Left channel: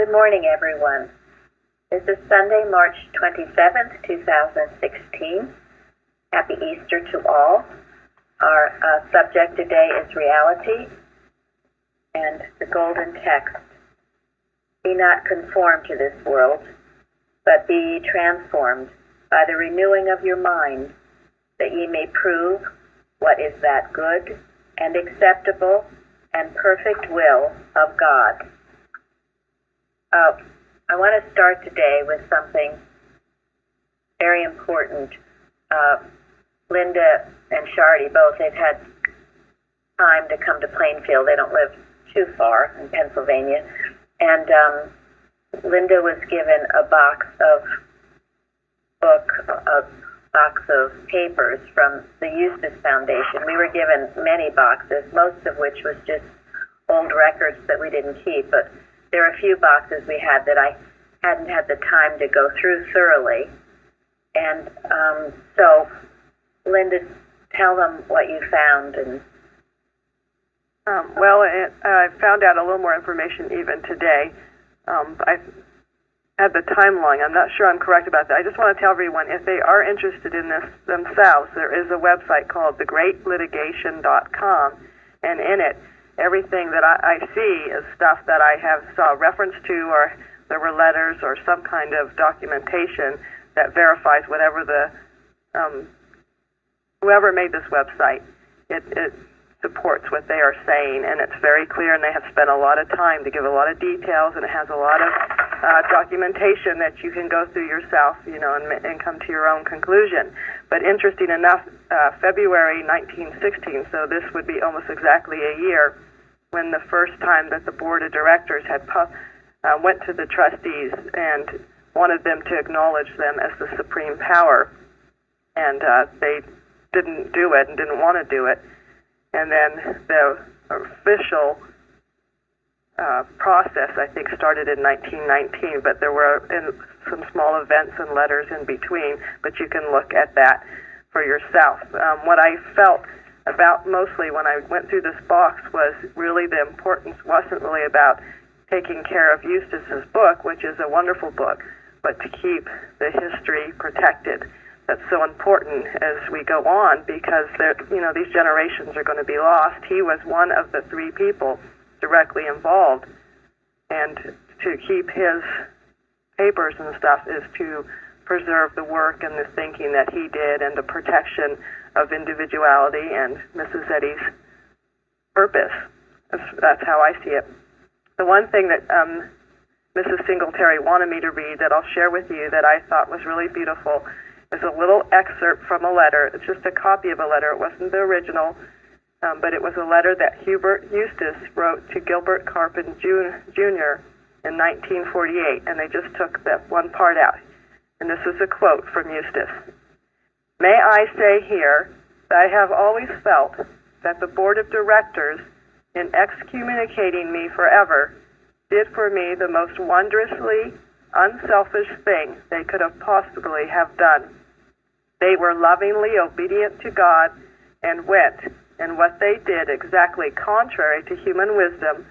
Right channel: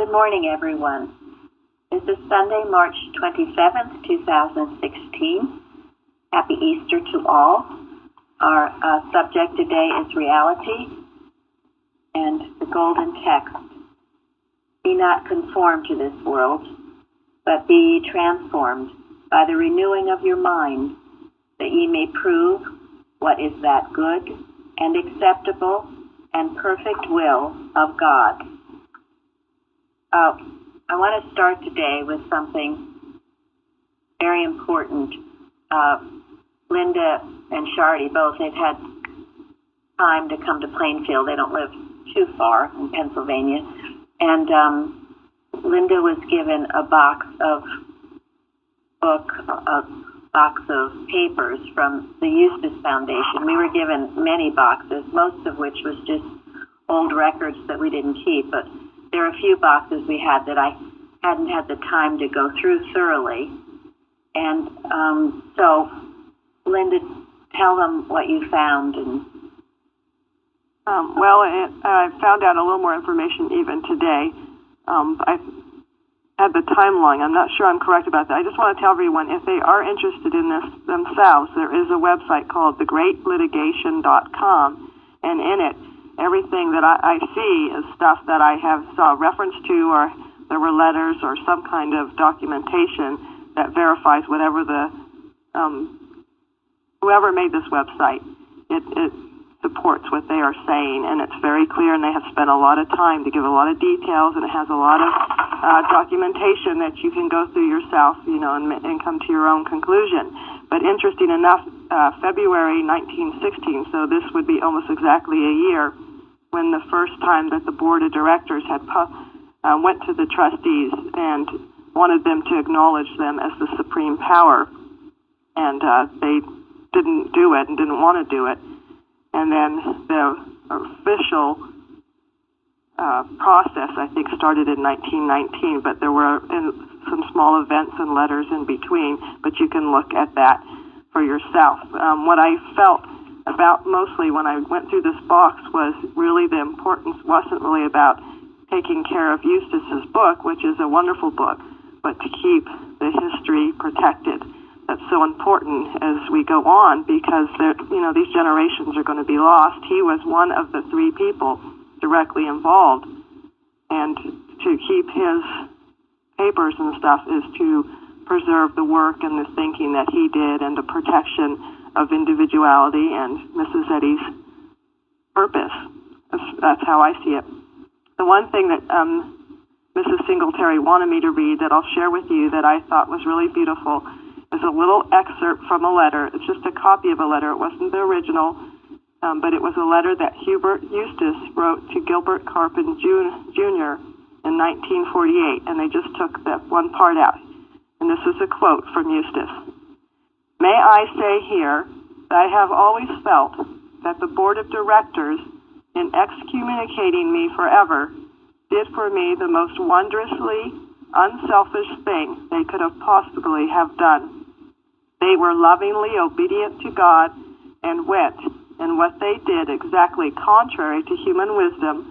Good morning, everyone. This is Sunday, March 27th, 2016. Happy Easter to all. Our subject today is reality and the golden text. Be not conformed to this world, but be ye transformed by the renewing of your mind, that ye may prove what is that good and acceptable and perfect will of God. I want to start today with something very important. Linda and Shardy both, they've had time to come to Plainfield. They don't live too far in Pennsylvania. And Linda was given a box of papers from the Eustace Foundation. We were given many boxes, most of which was just old records that we didn't keep. But there are a few boxes we had that I hadn't had the time to go through thoroughly. And so, Linda, tell them what you found. And I found out a little more information even today. I had the timeline. I'm not sure I'm correct about that. I just want to tell everyone, if they are interested in this themselves, there is a website called thegreatlitigation.com, and in it, everything that I see is stuff that I have saw reference to, or there were letters or some kind of documentation that verifies whatever the whoever made this website. It supports what they are saying, and it's very clear, and they have spent a lot of time to give a lot of details, and it has a lot of documentation that you can go through yourself, and come to your own conclusion. But interesting enough, February 1916, so this would be almost exactly a year, when the first time that the board of directors had went to the trustees and wanted them to acknowledge them as the supreme power, and they didn't do it and didn't want to do it. And then the official process, I think, started in 1919, but there were some small events and letters in between, but you can look at that for yourself. What I felt about mostly when I went through this box was really the importance wasn't really about taking care of Eustace's book, which is a wonderful book, but to keep the history protected. That's so important as we go on, because these generations are going to be lost. He was one of the three people directly involved, and to keep his papers and stuff is to preserve the work and the thinking that he did, and the protection of individuality and Mrs. Eddy's purpose. That's how I see it. The one thing that Mrs. Singletary wanted me to read that I'll share with you that I thought was really beautiful is a little excerpt from a letter. It's just a copy of a letter. It wasn't the original, but it was a letter that Eustace wrote to Gilbert Carpin Jr. in 1948, and they just took that one part out. And this is a quote from Eustace. "May I say here that I have always felt that the board of directors, in excommunicating me forever, did for me the most wondrously unselfish thing they could have possibly have done. They were lovingly obedient to God and went, in what they did exactly contrary to human wisdom,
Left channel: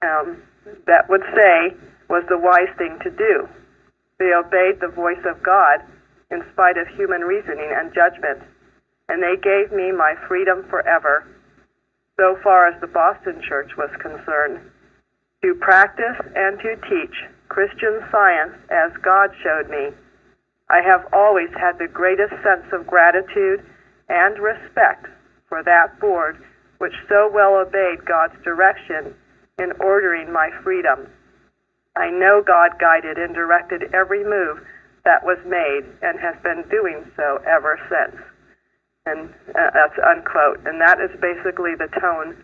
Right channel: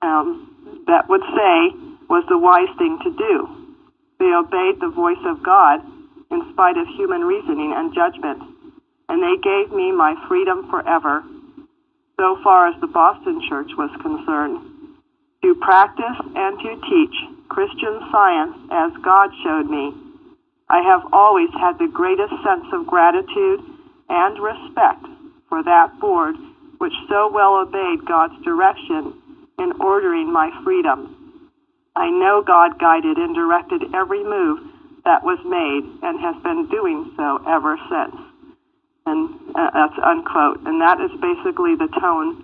that would say was the wise thing to do. They obeyed the voice of God in spite of human reasoning and judgment, and they gave me my freedom forever, so far as the Boston Church was concerned, to practice and to teach Christian Science as God showed me. I have always had the greatest sense of gratitude and respect for that board which so well obeyed God's direction in ordering my freedom. I know God guided and directed every move that was made and has been doing so ever since." And that's unquote. And that is basically the tone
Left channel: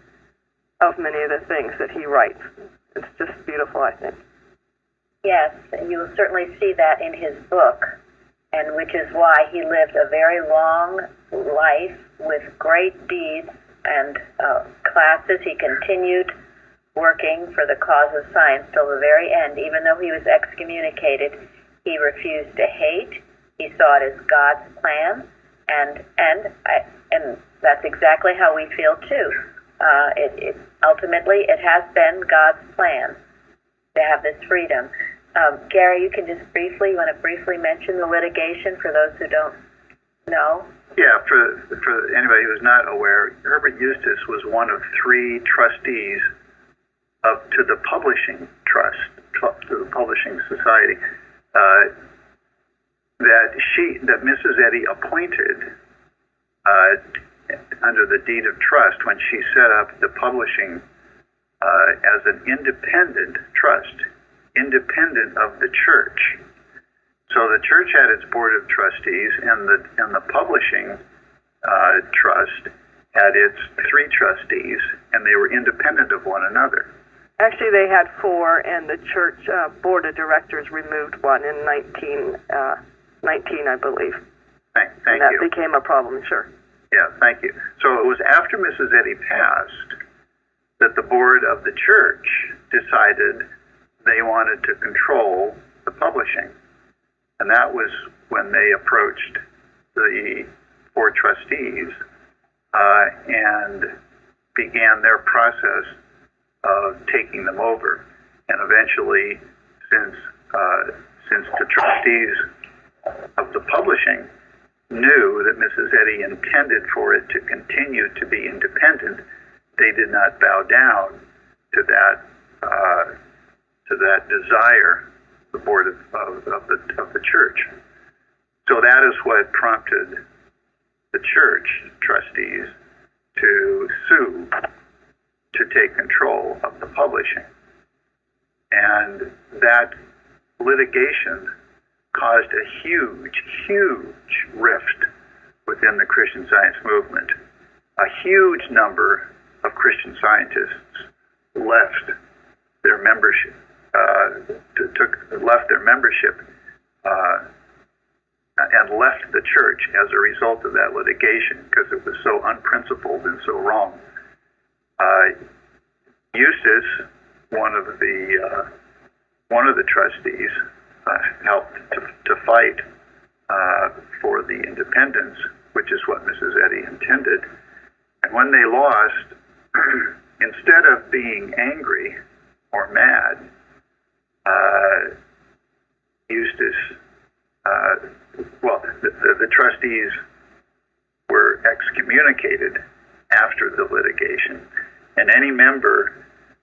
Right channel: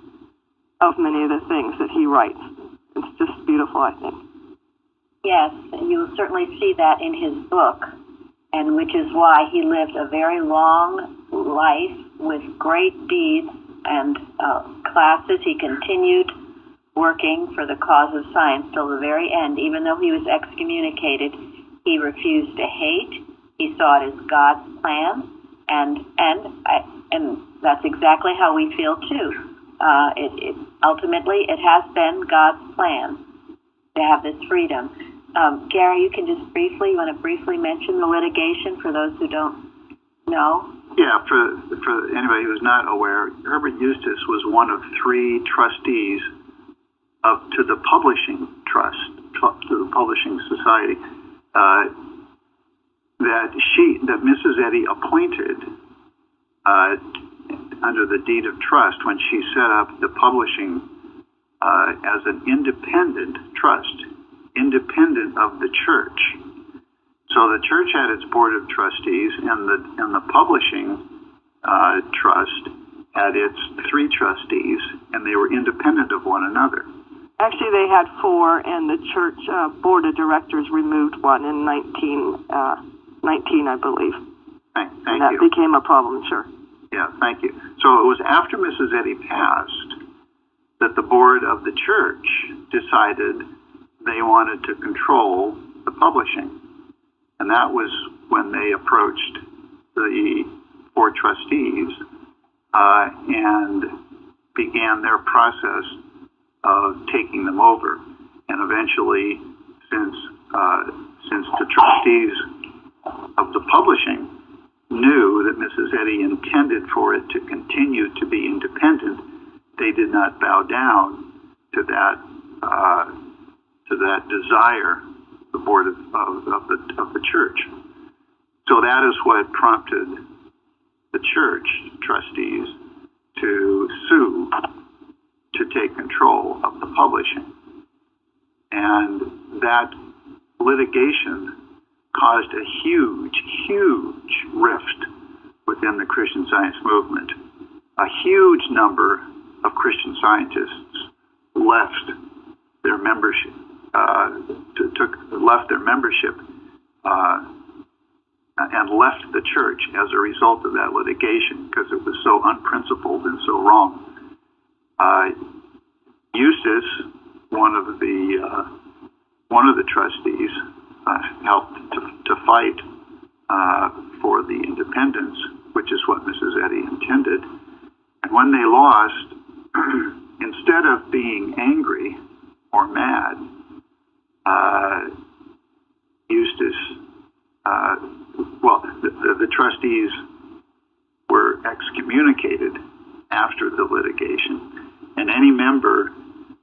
of many of the things that he writes. It's just beautiful, I think. yes, you will certainly see that in his book, and which is why he lived a very long life with great deeds and classes. He continued working for the cause of science till the very end. Even though he was excommunicated, he refused to hate. He saw it as God's plan, and that's exactly how we feel too. Ultimately, it has been God's plan, to have this freedom. Gary, you can just briefly, you want to briefly mention the litigation for those who don't know? Yeah, for anybody who's not aware, Herbert Eustace was one of 3 trustees to the publishing trust, to the publishing society, that Mrs. Eddy appointed under the deed of trust when she set up the publishing as an independent trust, independent of the church. So the church had its board of trustees, and the publishing trust had its 3 trustees, and they were independent of one another. Actually, they had 4, and the church board of directors removed one in 1919, I believe. Thank and that you. became a problem, sure. Yeah, thank you. So it was after Mrs. Eddy passed that the board of the church decided they wanted to control the publishing. And that was when they approached the 4 trustees and began their process of taking them over. And eventually, since the trustees of the publishing knew that Mrs. Eddy intended for it to continue to be independent, they did not bow down to that desire, the board of the church. So that is what prompted the church trustees to sue to take control of the publishing. And that litigation caused a huge rift within the Christian Science movement. A huge number of Christian scientists left their membership, and left the church as a result of that litigation because it was so unprincipled and so wrong. Eustace, one of the trustees, helped to fight for the independence, which is what Mrs. Eddy intended. And when they lost, instead of being angry or mad, Eustace, the trustees were excommunicated after the litigation, and any member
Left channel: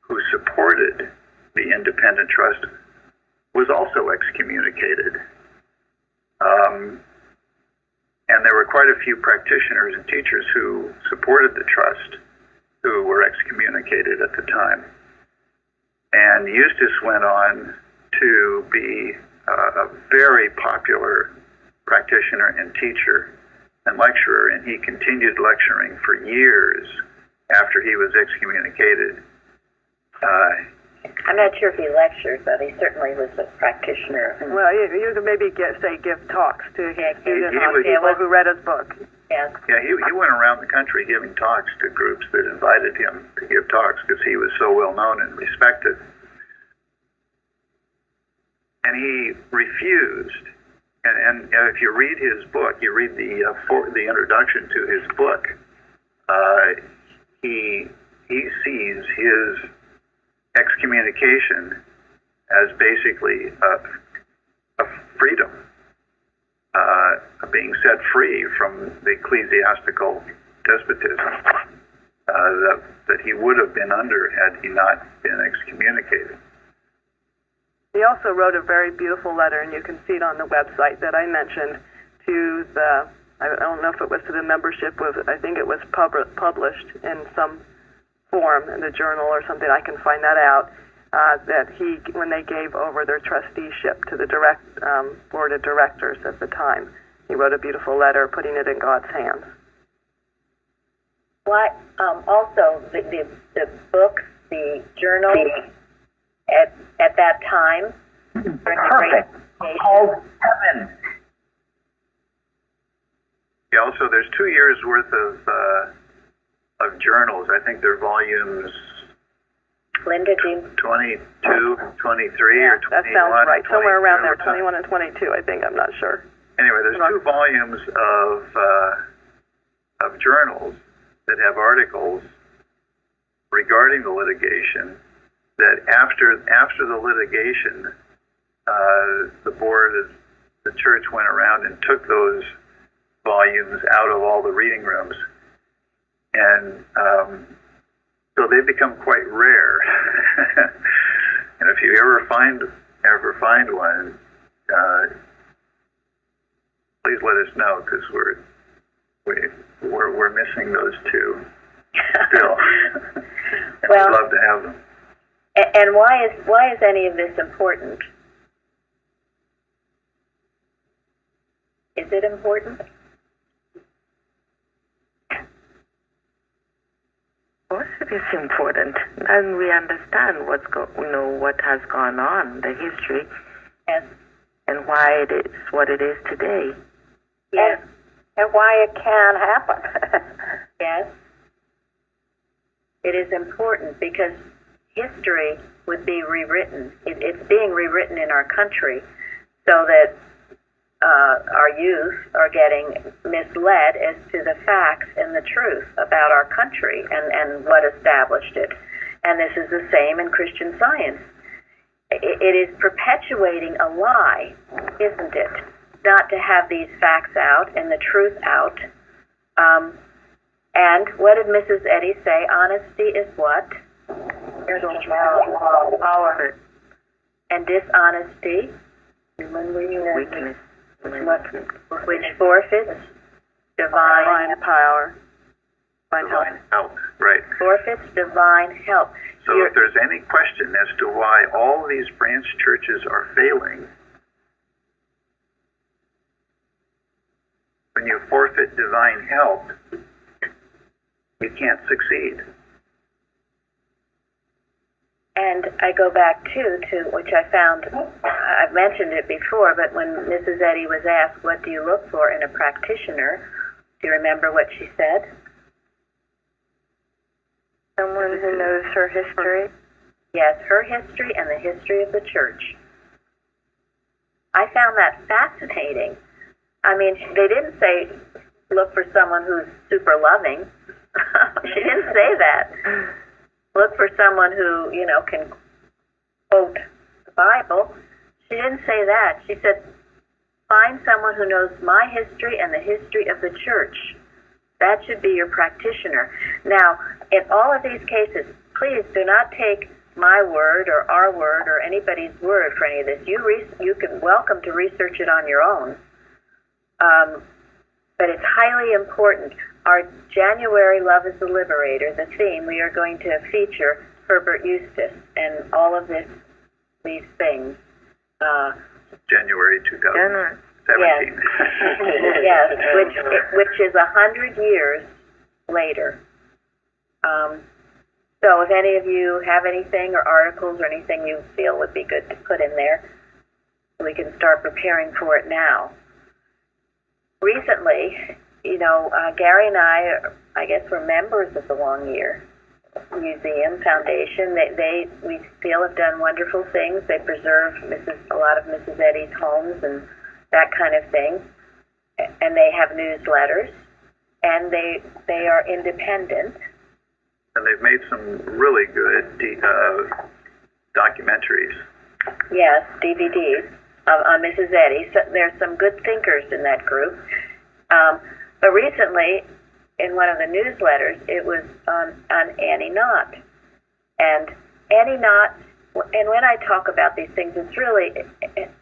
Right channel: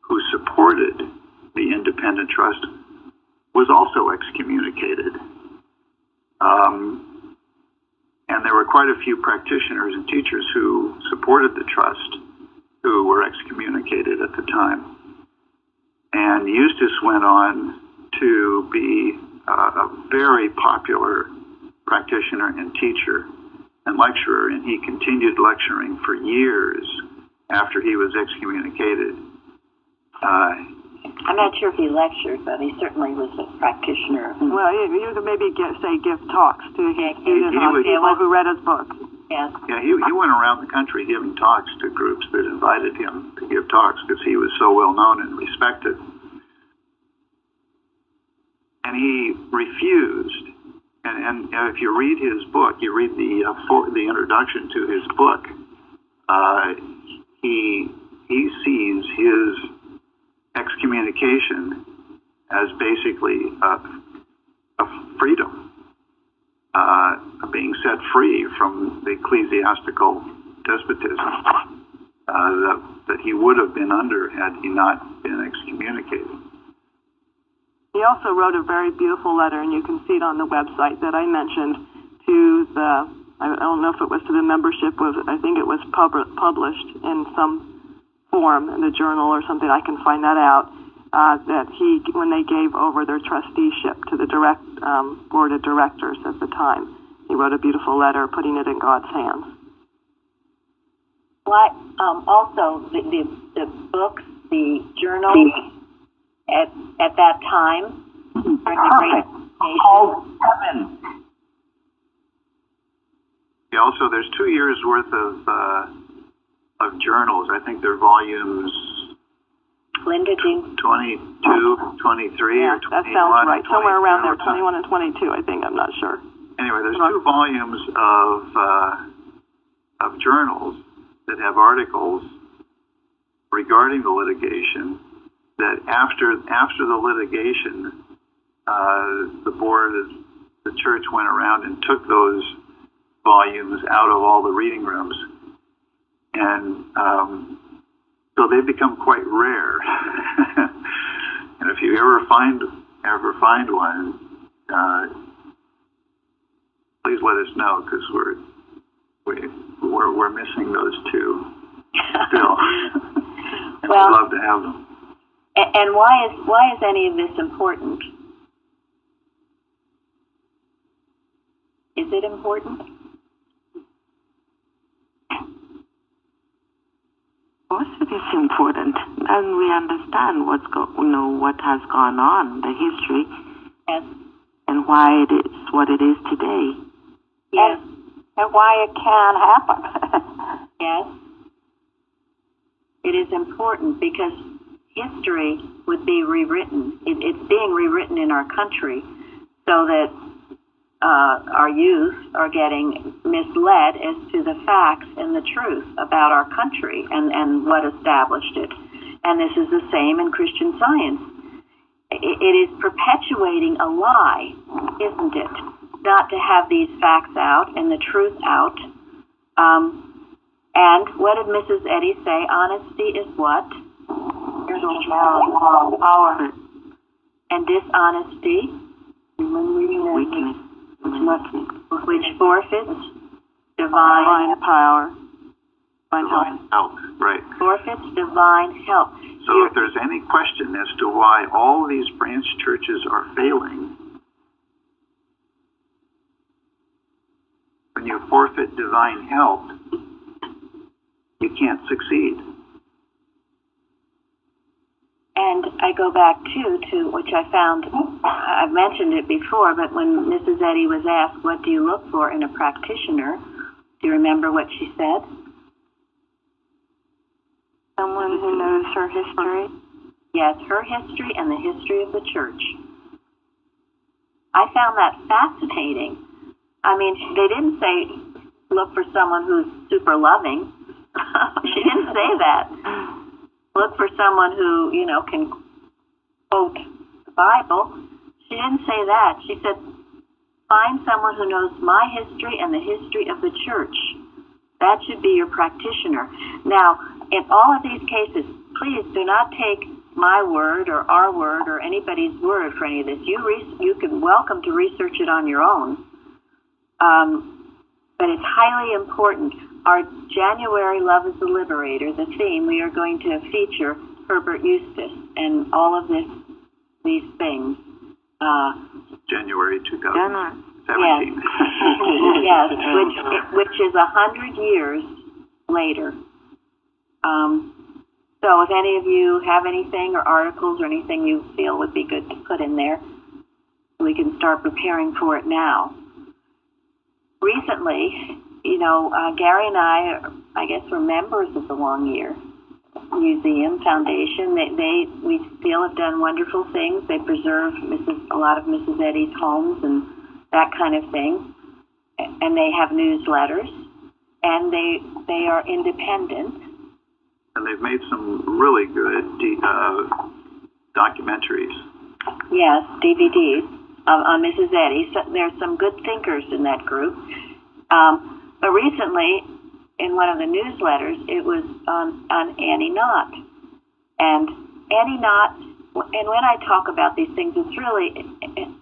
who supported the independent trust was also excommunicated. And there were quite a few practitioners and teachers who supported the trust who were excommunicated at the time. And Eustace went on to be a very popular practitioner and teacher and lecturer, and he continued lecturing for years after he was excommunicated. I'm not sure if he lectured, but he certainly was a practitioner. Well, you could maybe give talks to his students on people who read his book. Yes. Yeah, he went around the country giving talks to groups that invited him to give talks because he was so well known and respected. And he refused. And if you read his book, you read the introduction to his book, he sees his excommunication as basically a freedom, being set free from the ecclesiastical despotism that he would have been under had he not been excommunicated. He also wrote a very beautiful letter, and you can see it on the website that I mentioned, to I don't know if it was to the membership, I think it was published in some form in the journal or something, I can find that out, that when they gave over their trusteeship to the board of directors at the time, he wrote a beautiful letter putting it in God's hands. What, also, the books, the journals, at that time, during the Great Litigation. Called Heaven. Yeah, also, there's 2 years worth of journals. I think they're volumes Linda, do you? 22, 23, yeah, or 21. That sounds right. Somewhere around there, 22. 21 and 22, I think. I'm not sure. Anyway, there's 2 volumes of journals that have articles regarding the litigation that after the litigation, the board of the church went around and took those volumes out of all the reading rooms, and so they become quite rare. And if you ever find one, please let us know, because we're missing those two still, and well, we'd love to have them. And why is any of this important? Is it important? Of course, it is important, and we understand what has gone on, the history, Yes. and why it is what it is today. Yes. And why it can happen. Yes. It is important because history would be rewritten. It's being rewritten in our country so that our youth are getting misled as to the facts and the truth about our country and what established it. And this is the same in Christian Science. It is perpetuating a lie, isn't it? Not to have these facts out and the truth out. And what did Mrs. Eddy say? Honesty is what? Power. And dishonesty? Weakness. Which forfeits divine power, divine help. Help, right. Forfeits divine help. So if there's any question as to why all these branch churches are failing, when you forfeit divine help, you can't succeed. And I go back, to which I found, I've mentioned it before, but when Mrs. Eddy was asked, what do you look for in a practitioner, do you remember what she said? Someone who knows her history. Yes, her history and the history of the church. I found that fascinating. I mean, they didn't say, look for someone who's super loving. She didn't say that. Look for someone who, can quote the Bible. She didn't say that. She said, find someone who knows my history and the history of the church. That should be your practitioner. Now, in all of these cases, please do not take my word or our word or anybody's word for any of this. You can welcome to research it on your own. But it's highly important. Our January Love is the Liberator, the theme, we are going to feature Herbert Eustace and all of these things. January 2017. Yes, yes, which is 100 years later. So if any of you have anything or articles or anything you feel would be good to put in there, we can start preparing for it now. Recently, Gary and I guess, were members of the Long Year Museum Foundation. We feel, have done wonderful things. They preserve a lot of Mrs. Eddy's homes and that kind of thing. And they have newsletters, and they are independent. And they've made some really good documentaries. Yes, DVDs on Mrs. Eddy. So there's some good thinkers in that group. But recently, in one of the newsletters, it was on Annie Knott. And Annie Knott, and when I talk about these things, it's really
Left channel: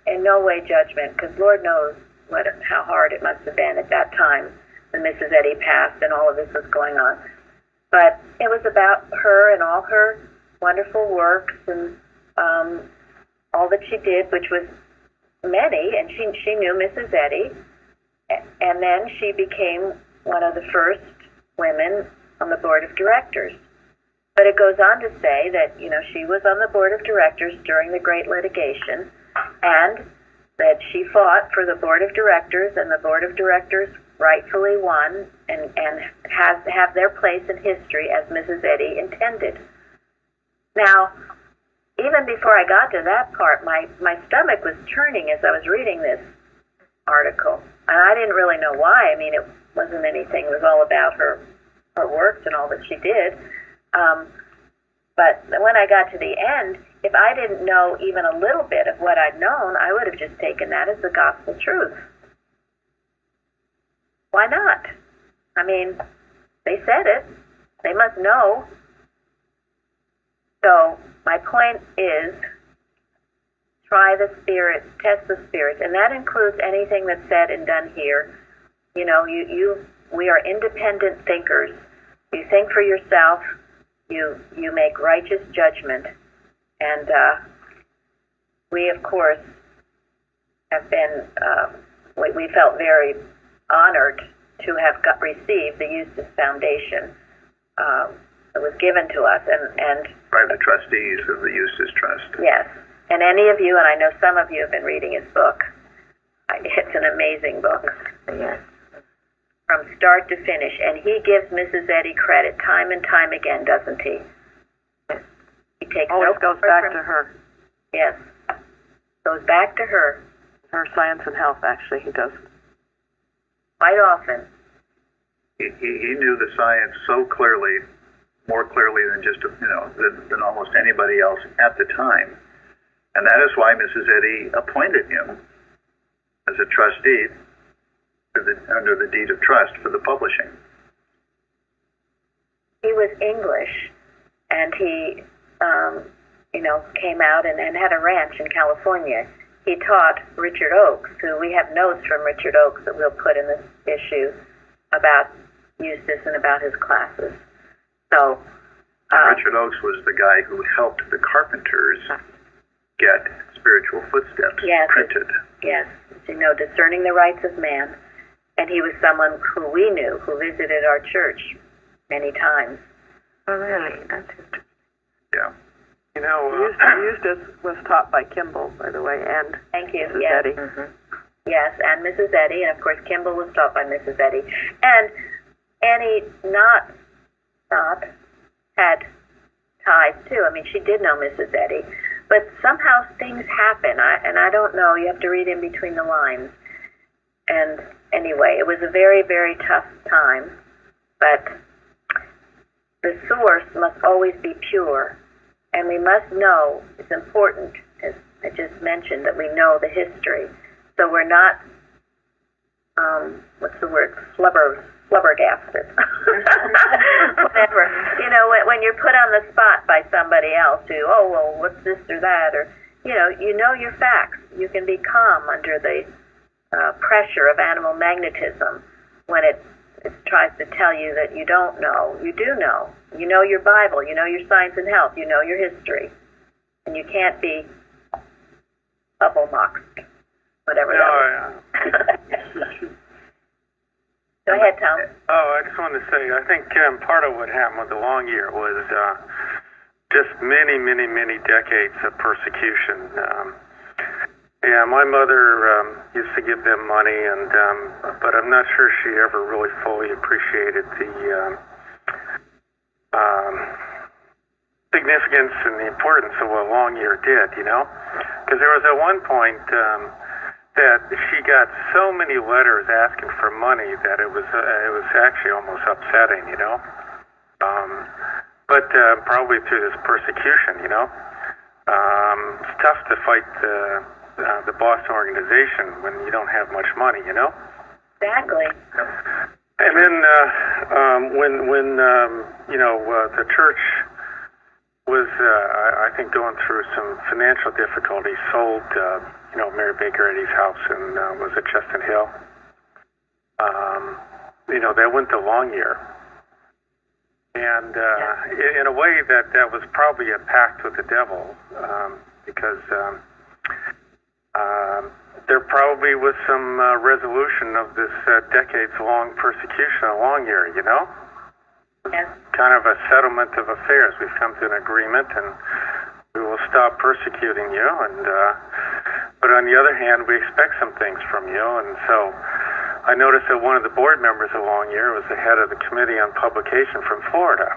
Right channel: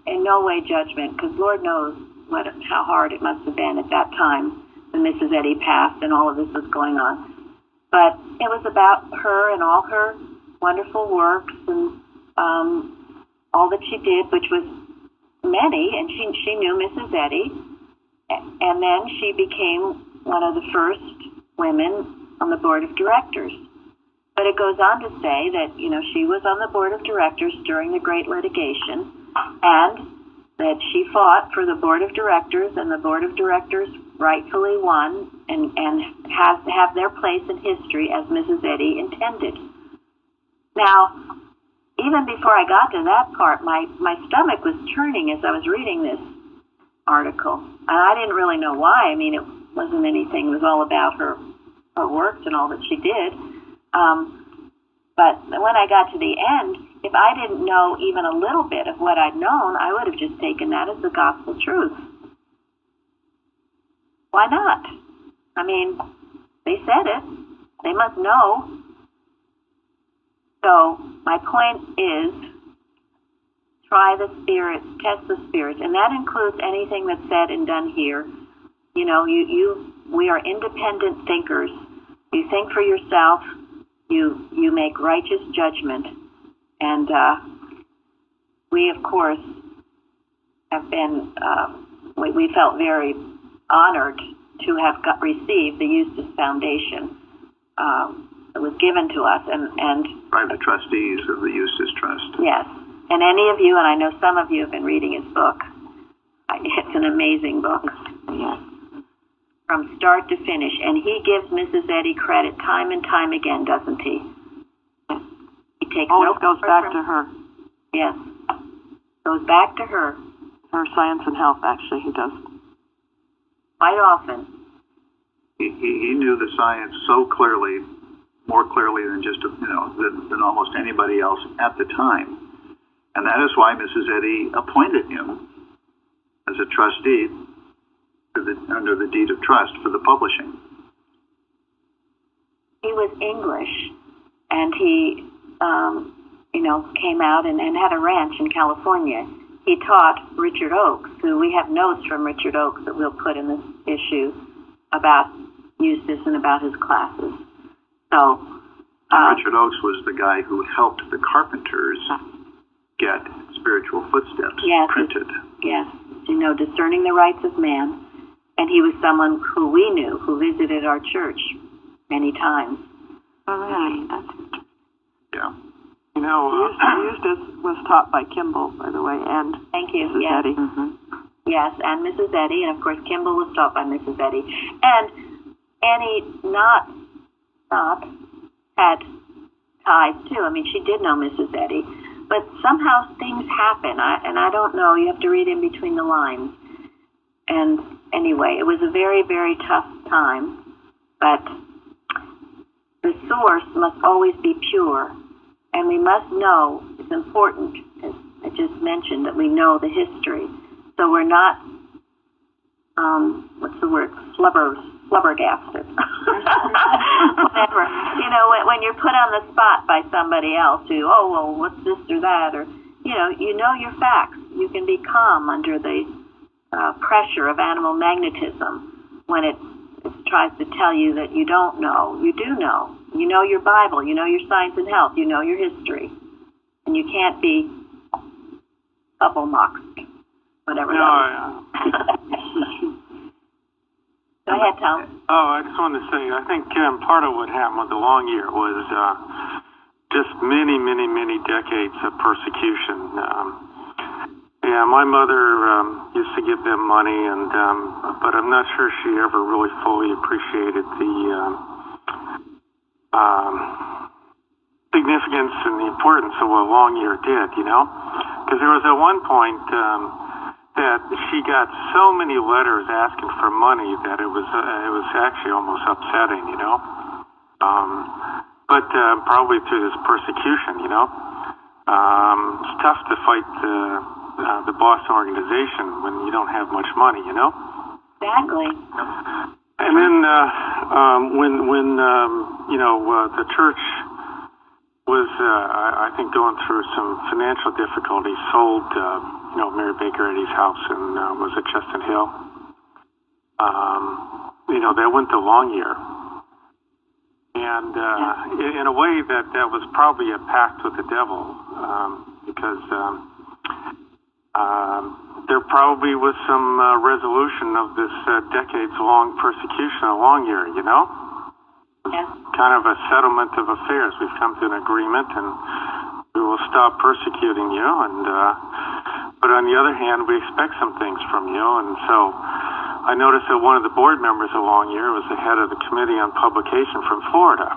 in no way judgment, because Lord knows how hard it must have been at that time when Mrs. Eddy passed and all of this was going on. But it was about her and all her wonderful works and all that she did, which was many, and she knew Mrs. Eddy. And then she became one of the first women on the board of directors. But it goes on to say that, she was on the board of directors during the Great Litigation, and that she fought for the board of directors, and the board of directors rightfully won and have their place in history as Mrs. Eddy intended. Now, even before I got to that part, my stomach was churning as I was reading this article. And I didn't really know why. I mean, it wasn't anything. It was all about her works and all that she did. But when I got to the end, if I didn't know even a little bit of what I'd known, I would have just taken that as the gospel truth. Why not? I mean, they said it. They must know. So my point is, try the spirits, test the spirits, and that includes anything that's said and done here. You know, we are independent thinkers. You think for yourself. You make righteous judgment, and we, of course, have been. We felt very honored to have received the Eustace Foundation. It was given to us, and by the trustees of the Eustace Trust. Yes, and any of you, and I know some of you have been reading his book. It's an amazing book. Yes. From start to finish, and he gives Mrs. Eddy credit time and time again, doesn't he? Yes. He takes always no goes back to her. Yes, goes back to her. Her science and health, actually, he does. Quite often. He knew the science so clearly, more clearly than just than almost anybody else at the time, and that is why Mrs. Eddy appointed him as a trustee under the deed of trust for the publishing. He was English, and he, came out and had a ranch in California. He taught Richard Oakes, who we have notes from Richard Oakes that we'll put in this issue about Eustace and about his classes. So Richard Oakes was the guy who helped the Carpenters get Spiritual Footsteps printed. Yes, discerning the rights of man. And he was someone who we knew, who visited our church many times. Oh, really? That's interesting. Yeah. Eustace was taught by Kimball, by the way, and Thank you. Mrs. Yes. Eddy. Mm-hmm. Yes, and Mrs. Eddy, and of course Kimball was taught by Mrs. Eddy. And Annie not had ties too. I mean, she did know Mrs. Eddy, but somehow things happen, and I don't know. You have to read in between the lines. And anyway, it was a very, very tough time, but the source must always be pure, and we must know, it's important, as I just mentioned, that we know the history, so we're not, flubbergasted. Whatever. When you're put on the spot by somebody else who, what's this or that, or, you know your facts. You can be calm under the pressure of animal magnetism when it tries to tell you that you don't know. You do know. You know your Bible. You know your science and health. You know your history. And you can't be bubble-mocked, whatever that is. Go ahead, Tom. I just wanted to say, I think part of what happened with the long year was just many, many, many decades of persecution. Yeah, my mother used to give them money, but I'm not sure she ever really fully appreciated the significance and the importance of what a long year did, Because there was at one point that she got so many letters asking for money that it was actually almost upsetting, But probably through this persecution, it's tough to fight the Boston organization when you don't have much money, Exactly. And then when the church was, I think, going through some financial difficulties, sold, Mary Baker Eddy's house and was at Chestnut Hill. That went to long year. And in a way that was probably a pact with the devil, because there probably was some resolution of this decades-long persecution of long year, Yes. Kind of a settlement of affairs. We've come to an agreement, and we will stop persecuting you. But on the other hand, we expect some things from you. And so I noticed that one of the board members of Long Year was the head of the Committee on Publication from Florida.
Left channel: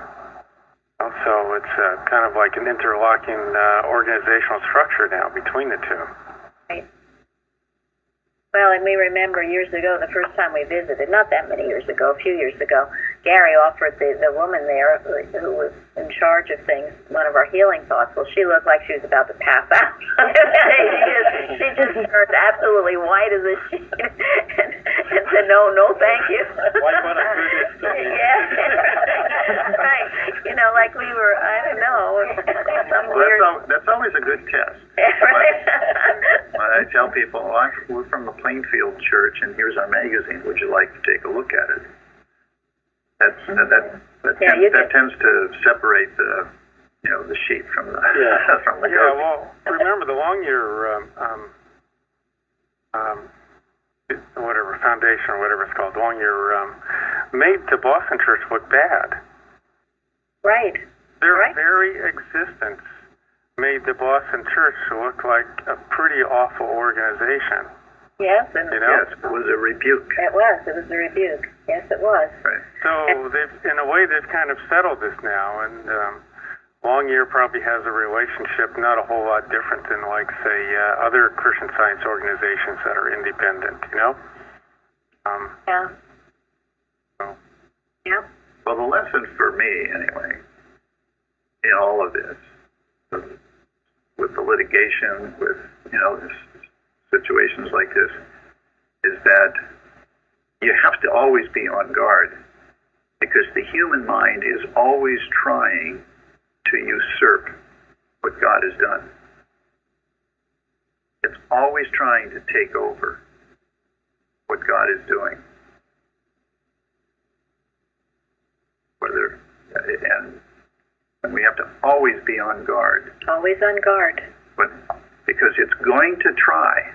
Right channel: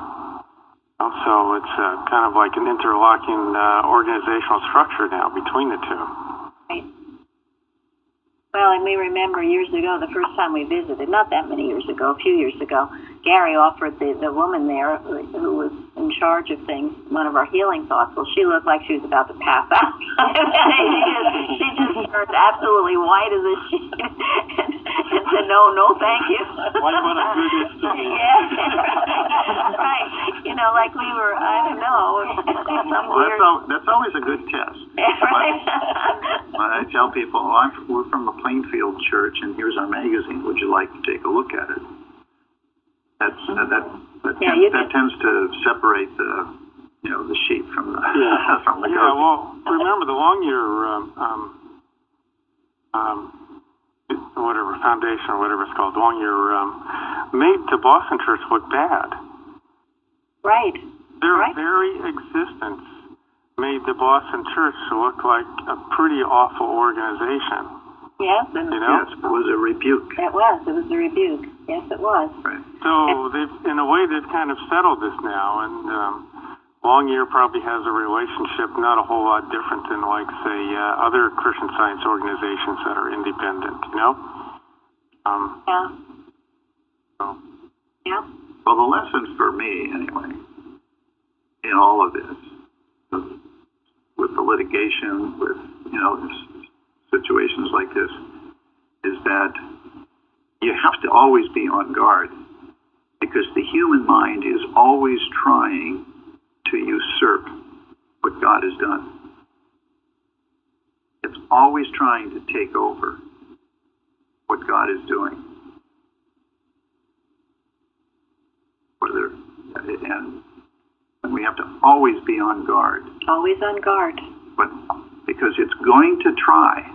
So it's kind of like an interlocking organizational structure now between the two. Right. Well, and we remember years ago, the first time we visited, not that many years ago, a few years ago, Gary offered the woman there who was in charge of things one of our healing thoughts. Well, she looked like she was about to pass out. she just turned absolutely white as a sheet and said, no, thank you. Why would I do this to me? Yeah, right. You know, like we were, I don't know. That's always a good test. Right. When I tell people, we're from the Plainfield Church, and here's our magazine. Would you like to take a look at it? That tends to separate the sheep from the from the goat. Yeah, well, remember the Longyear whatever foundation or whatever it's called, Longyear made the Boston Church look bad. Right. Their very existence made the Boston Church look like a pretty awful organization. Yes, and Yes, it was a rebuke. It was a rebuke. Yes, it was. Right. So in a way, they've kind of settled this now, and Longyear probably has a relationship not a whole lot different than, like, say, other Christian Science organizations that are independent. Yeah. So. Yeah. Well, the lesson for me, anyway, in all of this, with the litigation, with situations like this, is that you have to always be on guard, because the human mind is always trying to usurp what God has done. It's always trying to take over what God is doing. And we have to always be on guard. Always on guard. But because it's going to try.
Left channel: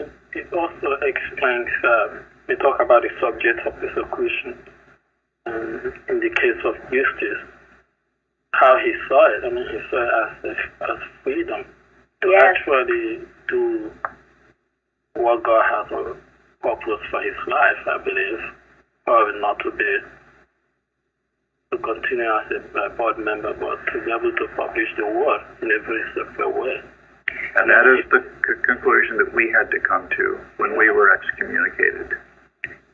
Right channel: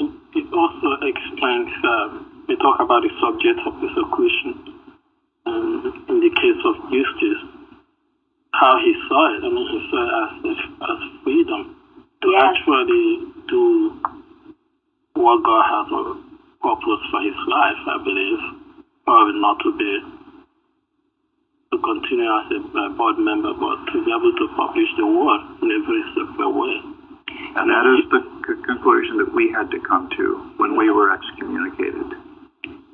It also explains, we talk about the subject of persecution. In the case of Eustace, how he saw it. I mean, he saw it as freedom to actually do what God has a purpose for his life, I believe. Probably not to continue as a board member, but to be able to publish the word in a very separate way. And that is the conclusion that we had to come to when we were excommunicated.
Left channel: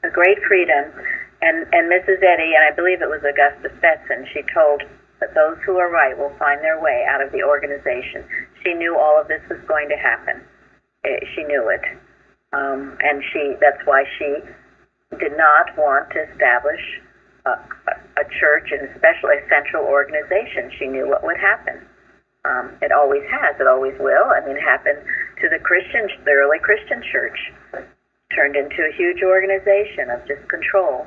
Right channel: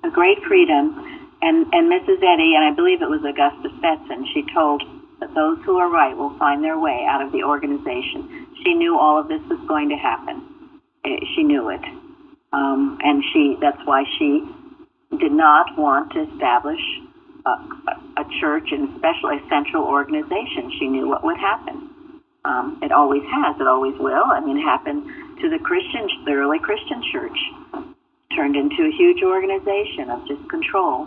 A great freedom. And Mrs. Eddy, and I believe it was Augusta Stetson, she told that those who are right will find their way out of the organization. She knew all of this was going to happen. She knew it. And that's why she did not want to establish a church, and especially a central organization. She knew what would happen. It always has. It always will. I mean, it happened to the early Christian church. Turned into a huge organization of just control.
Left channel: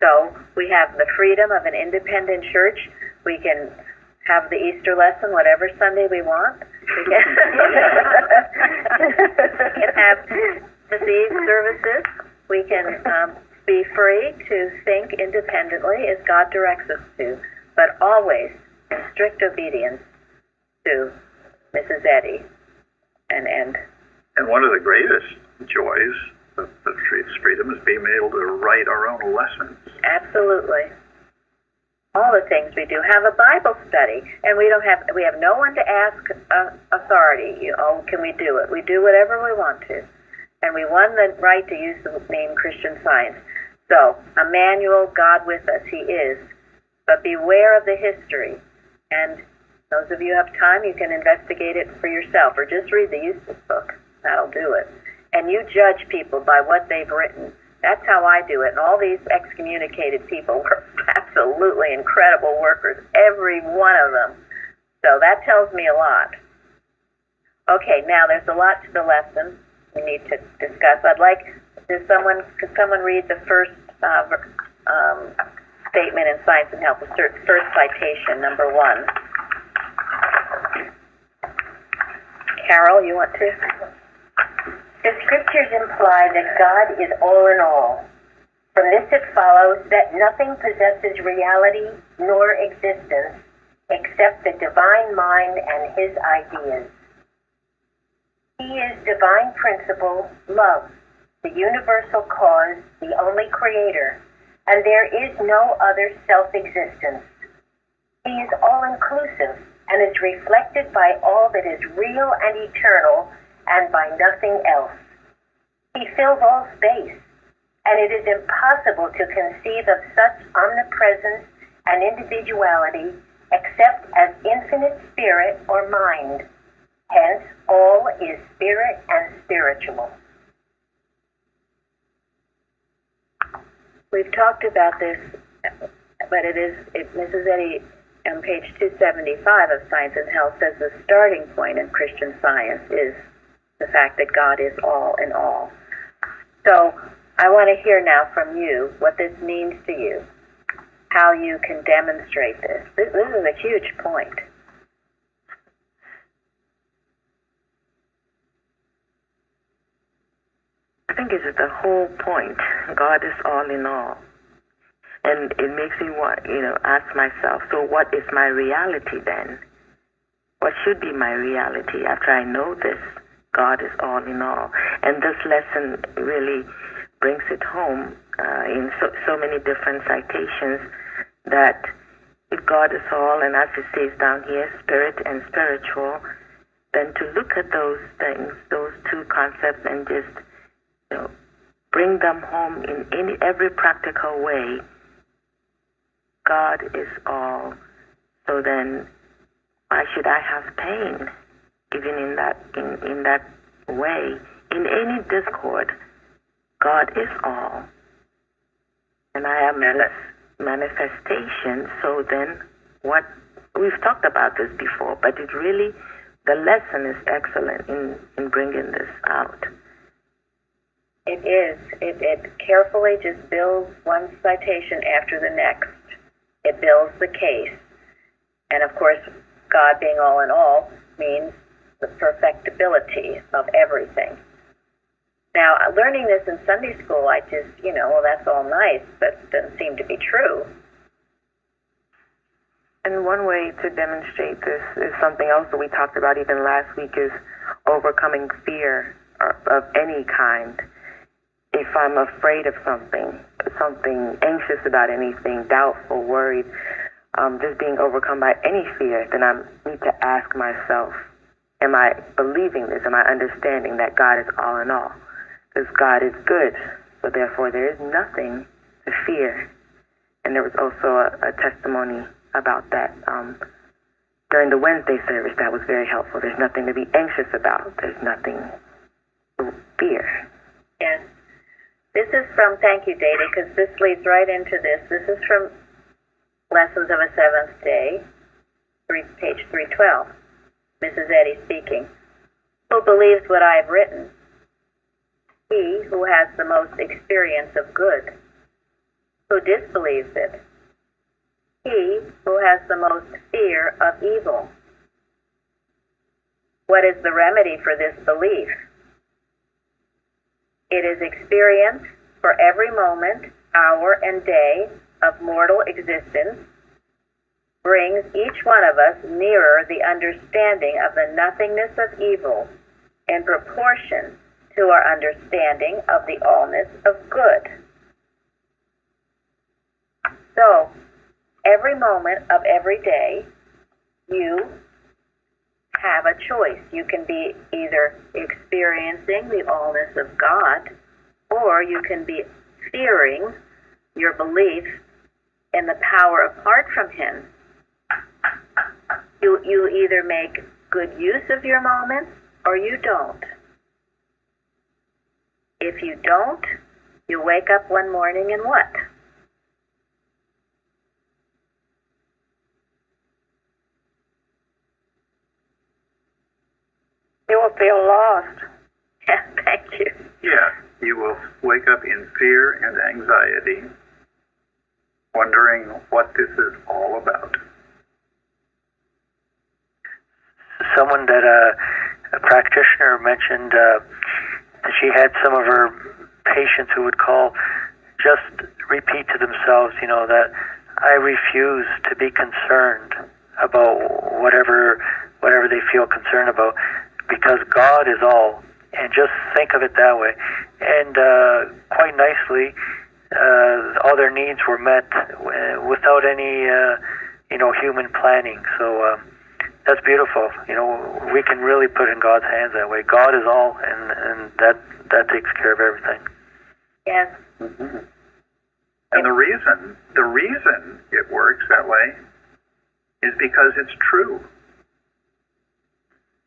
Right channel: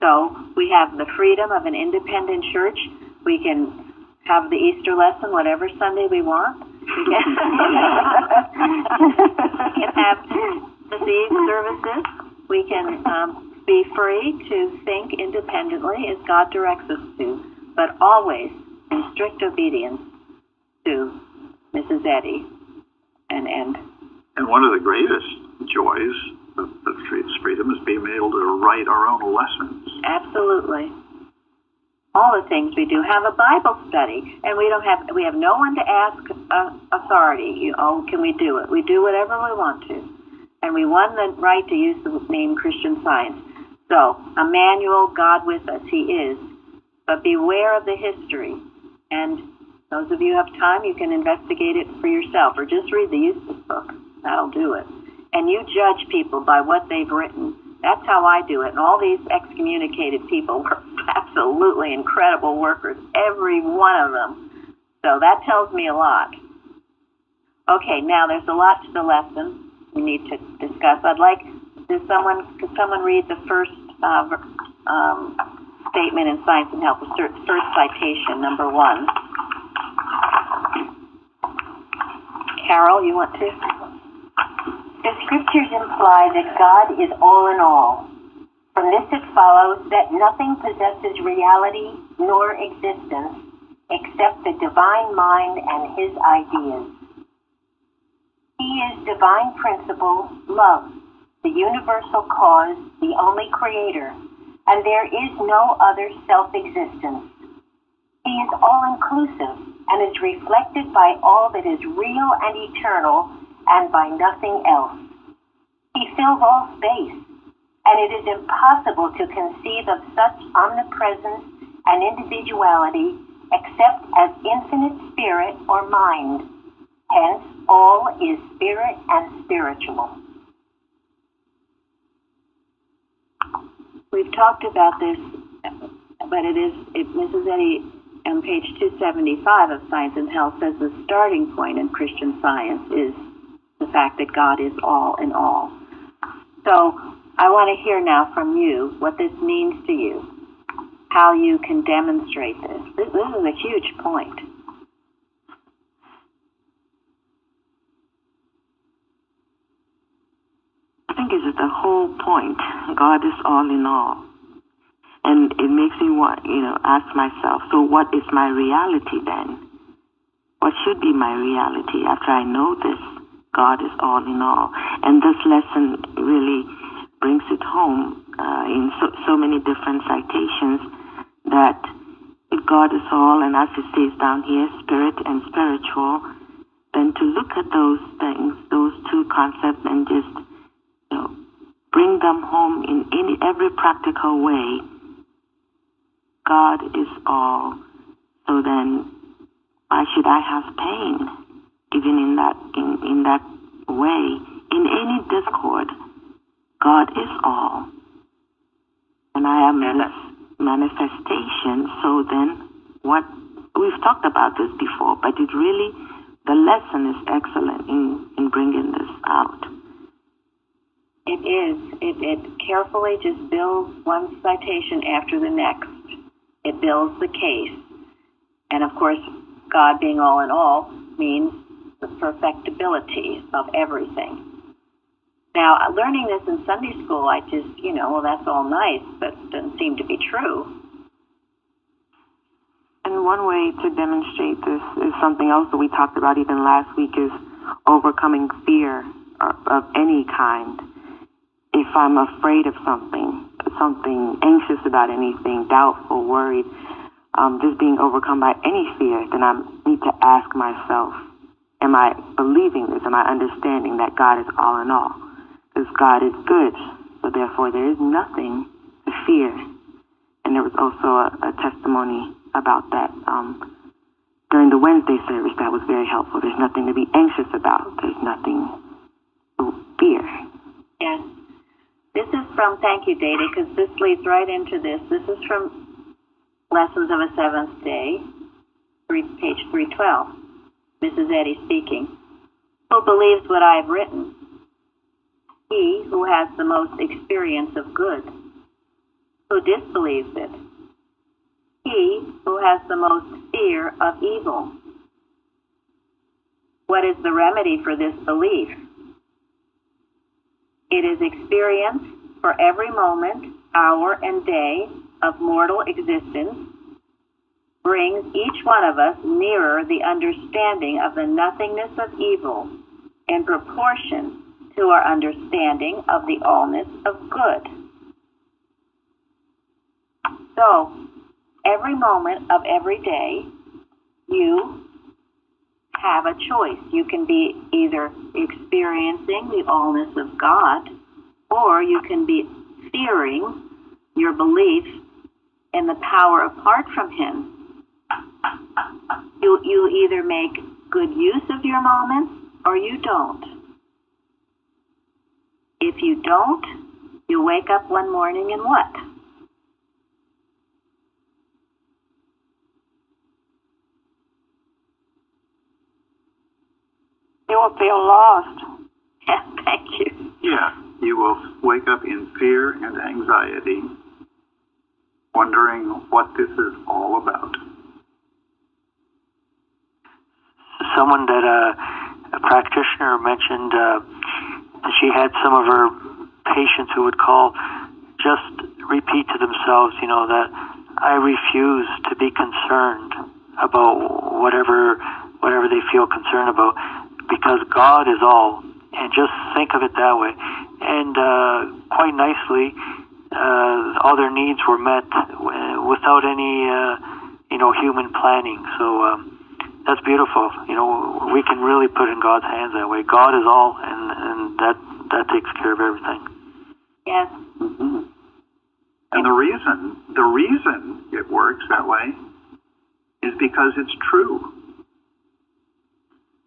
So we have the freedom of an independent church. We can have the Easter lesson whatever Sunday we want. We can, we can have disease services. We can be free to think independently as God directs us to, but always in strict obedience to Mrs. Eddy. And one of the greatest joys of freedom is being able to write our own lessons. Absolutely. All the things we do. Have a Bible study, and we have no one to ask authority. Can we do it? We do whatever we want to. And we won the right to use the name Christian Science. So, Emmanuel, God with us, he is. But beware of the history. And those of you who have time, you can investigate it for yourself, or just read the Eustace book. That'll do it. And you judge people by what they've written. That's how I do it. And all these excommunicated people were absolutely incredible workers, every one of them. So that tells me a lot. Okay, now there's a lot to the lesson we need to discuss. Could someone read the first statement in Science and Health, the first citation, number 1? Carol, you want to? The scriptures imply that God is all in all. From this it follows that nothing possesses reality nor existence except the divine mind and his ideas. He is divine principle, love, the universal cause, the only creator, and there is no other self-existence. He is all-inclusive and is reflected by all that is real and eternal and by nothing else. He fills all space and it is impossible to conceive of such omnipresence and individuality except as infinite spirit or mind. Hence, all is spirit and spiritual. We've talked about this, but Mrs. Eddy on page 275 of Science and Health says the starting point in Christian Science is the fact that God is all in all. So I want to hear now from you what this means to you, how you can demonstrate this. This is a huge point. I think it's the whole point. God is all in all. And it makes me ask myself, so what is my reality then? What should be my reality after I know this? God is all in all. And this lesson really brings it home in so many different citations that if God is all, and as it says down here, spirit and spiritual, then to look at those things, those two concepts, and just bring them home in every practical way. God is all. So then, why should I have pain? Even in that way, in any discord, God is all, and I am this manifestation. So then, what we've talked about this before, but it really, the lesson is excellent in bringing this out. It is. It carefully just builds one citation after the next. It builds the case. And of course, God being all in all means the perfectibility of everything. Now, learning this in Sunday school, I just, well, that's all nice, but it doesn't seem to be true. And one way to demonstrate this is something else that we talked about even last week, is overcoming fear of any kind. If I'm afraid of something anxious about anything, doubtful, worried, just being overcome by any fear, then I need to ask myself, am I believing this? Am I understanding that God is all in all? Because God is good, so therefore there is nothing to fear. And there was also a testimony about that during the Wednesday service that was very helpful. There's nothing to be anxious about. There's nothing to fear. Yes. This is from, thank you, Data, because this leads right into this. This is from Lessons of a Seventh Day, page 312. Mrs. Eddy speaking. Who believes what I have written? He who has the most experience of good. Who disbelieves it? He who has the most fear of evil. What is the remedy for this belief? It is experience for every moment, hour, and day of mortal existence brings each one of us nearer the understanding of the nothingness of evil in proportion to our understanding of the allness of good. So, every moment of every day, you have a choice. You can be either experiencing the allness of God, or you can be fearing your belief in the power apart from Him. You either make good use of your moments, or you don't. If you don't, you wake up one morning and what? You will feel lost. Yeah, thank you. Yeah, you will wake up in fear and anxiety, wondering what this is all about. Someone that a practitioner mentioned that she had some of her patients who would call, just repeat to themselves, that I refuse to be concerned about whatever they feel concerned about, because God is all, and just think of it that way. And quite nicely, all their needs were met without any, human planning. So that's beautiful. We can really put in God's hands that way. God is all, and that takes care of everything. Yes. Mm-hmm. And the reason it works that way is because it's true.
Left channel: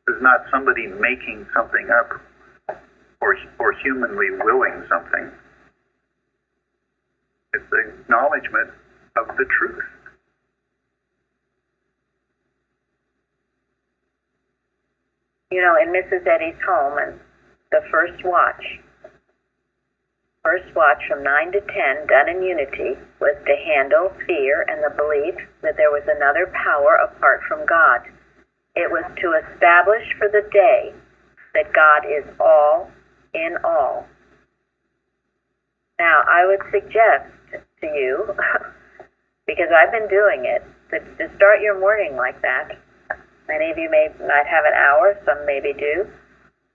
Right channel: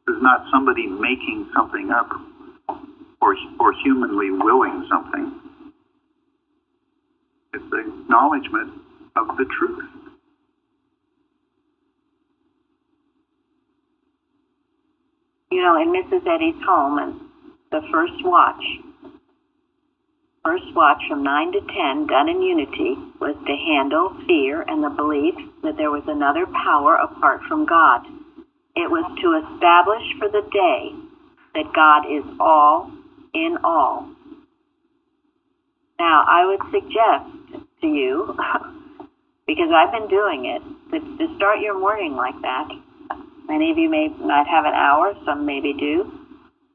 It's not somebody making something up or humanly willing something. It's the acknowledgement of the truth. You know, in Mrs. Eddy's home, and the first watch from 9 to 10, done in unity, was to handle fear and the belief that there was another power apart from God. It was to establish for the day that God is all in all. Now, I would suggest to you, because I've been doing it, to start your morning like that. Many of you might have an hour, some maybe do,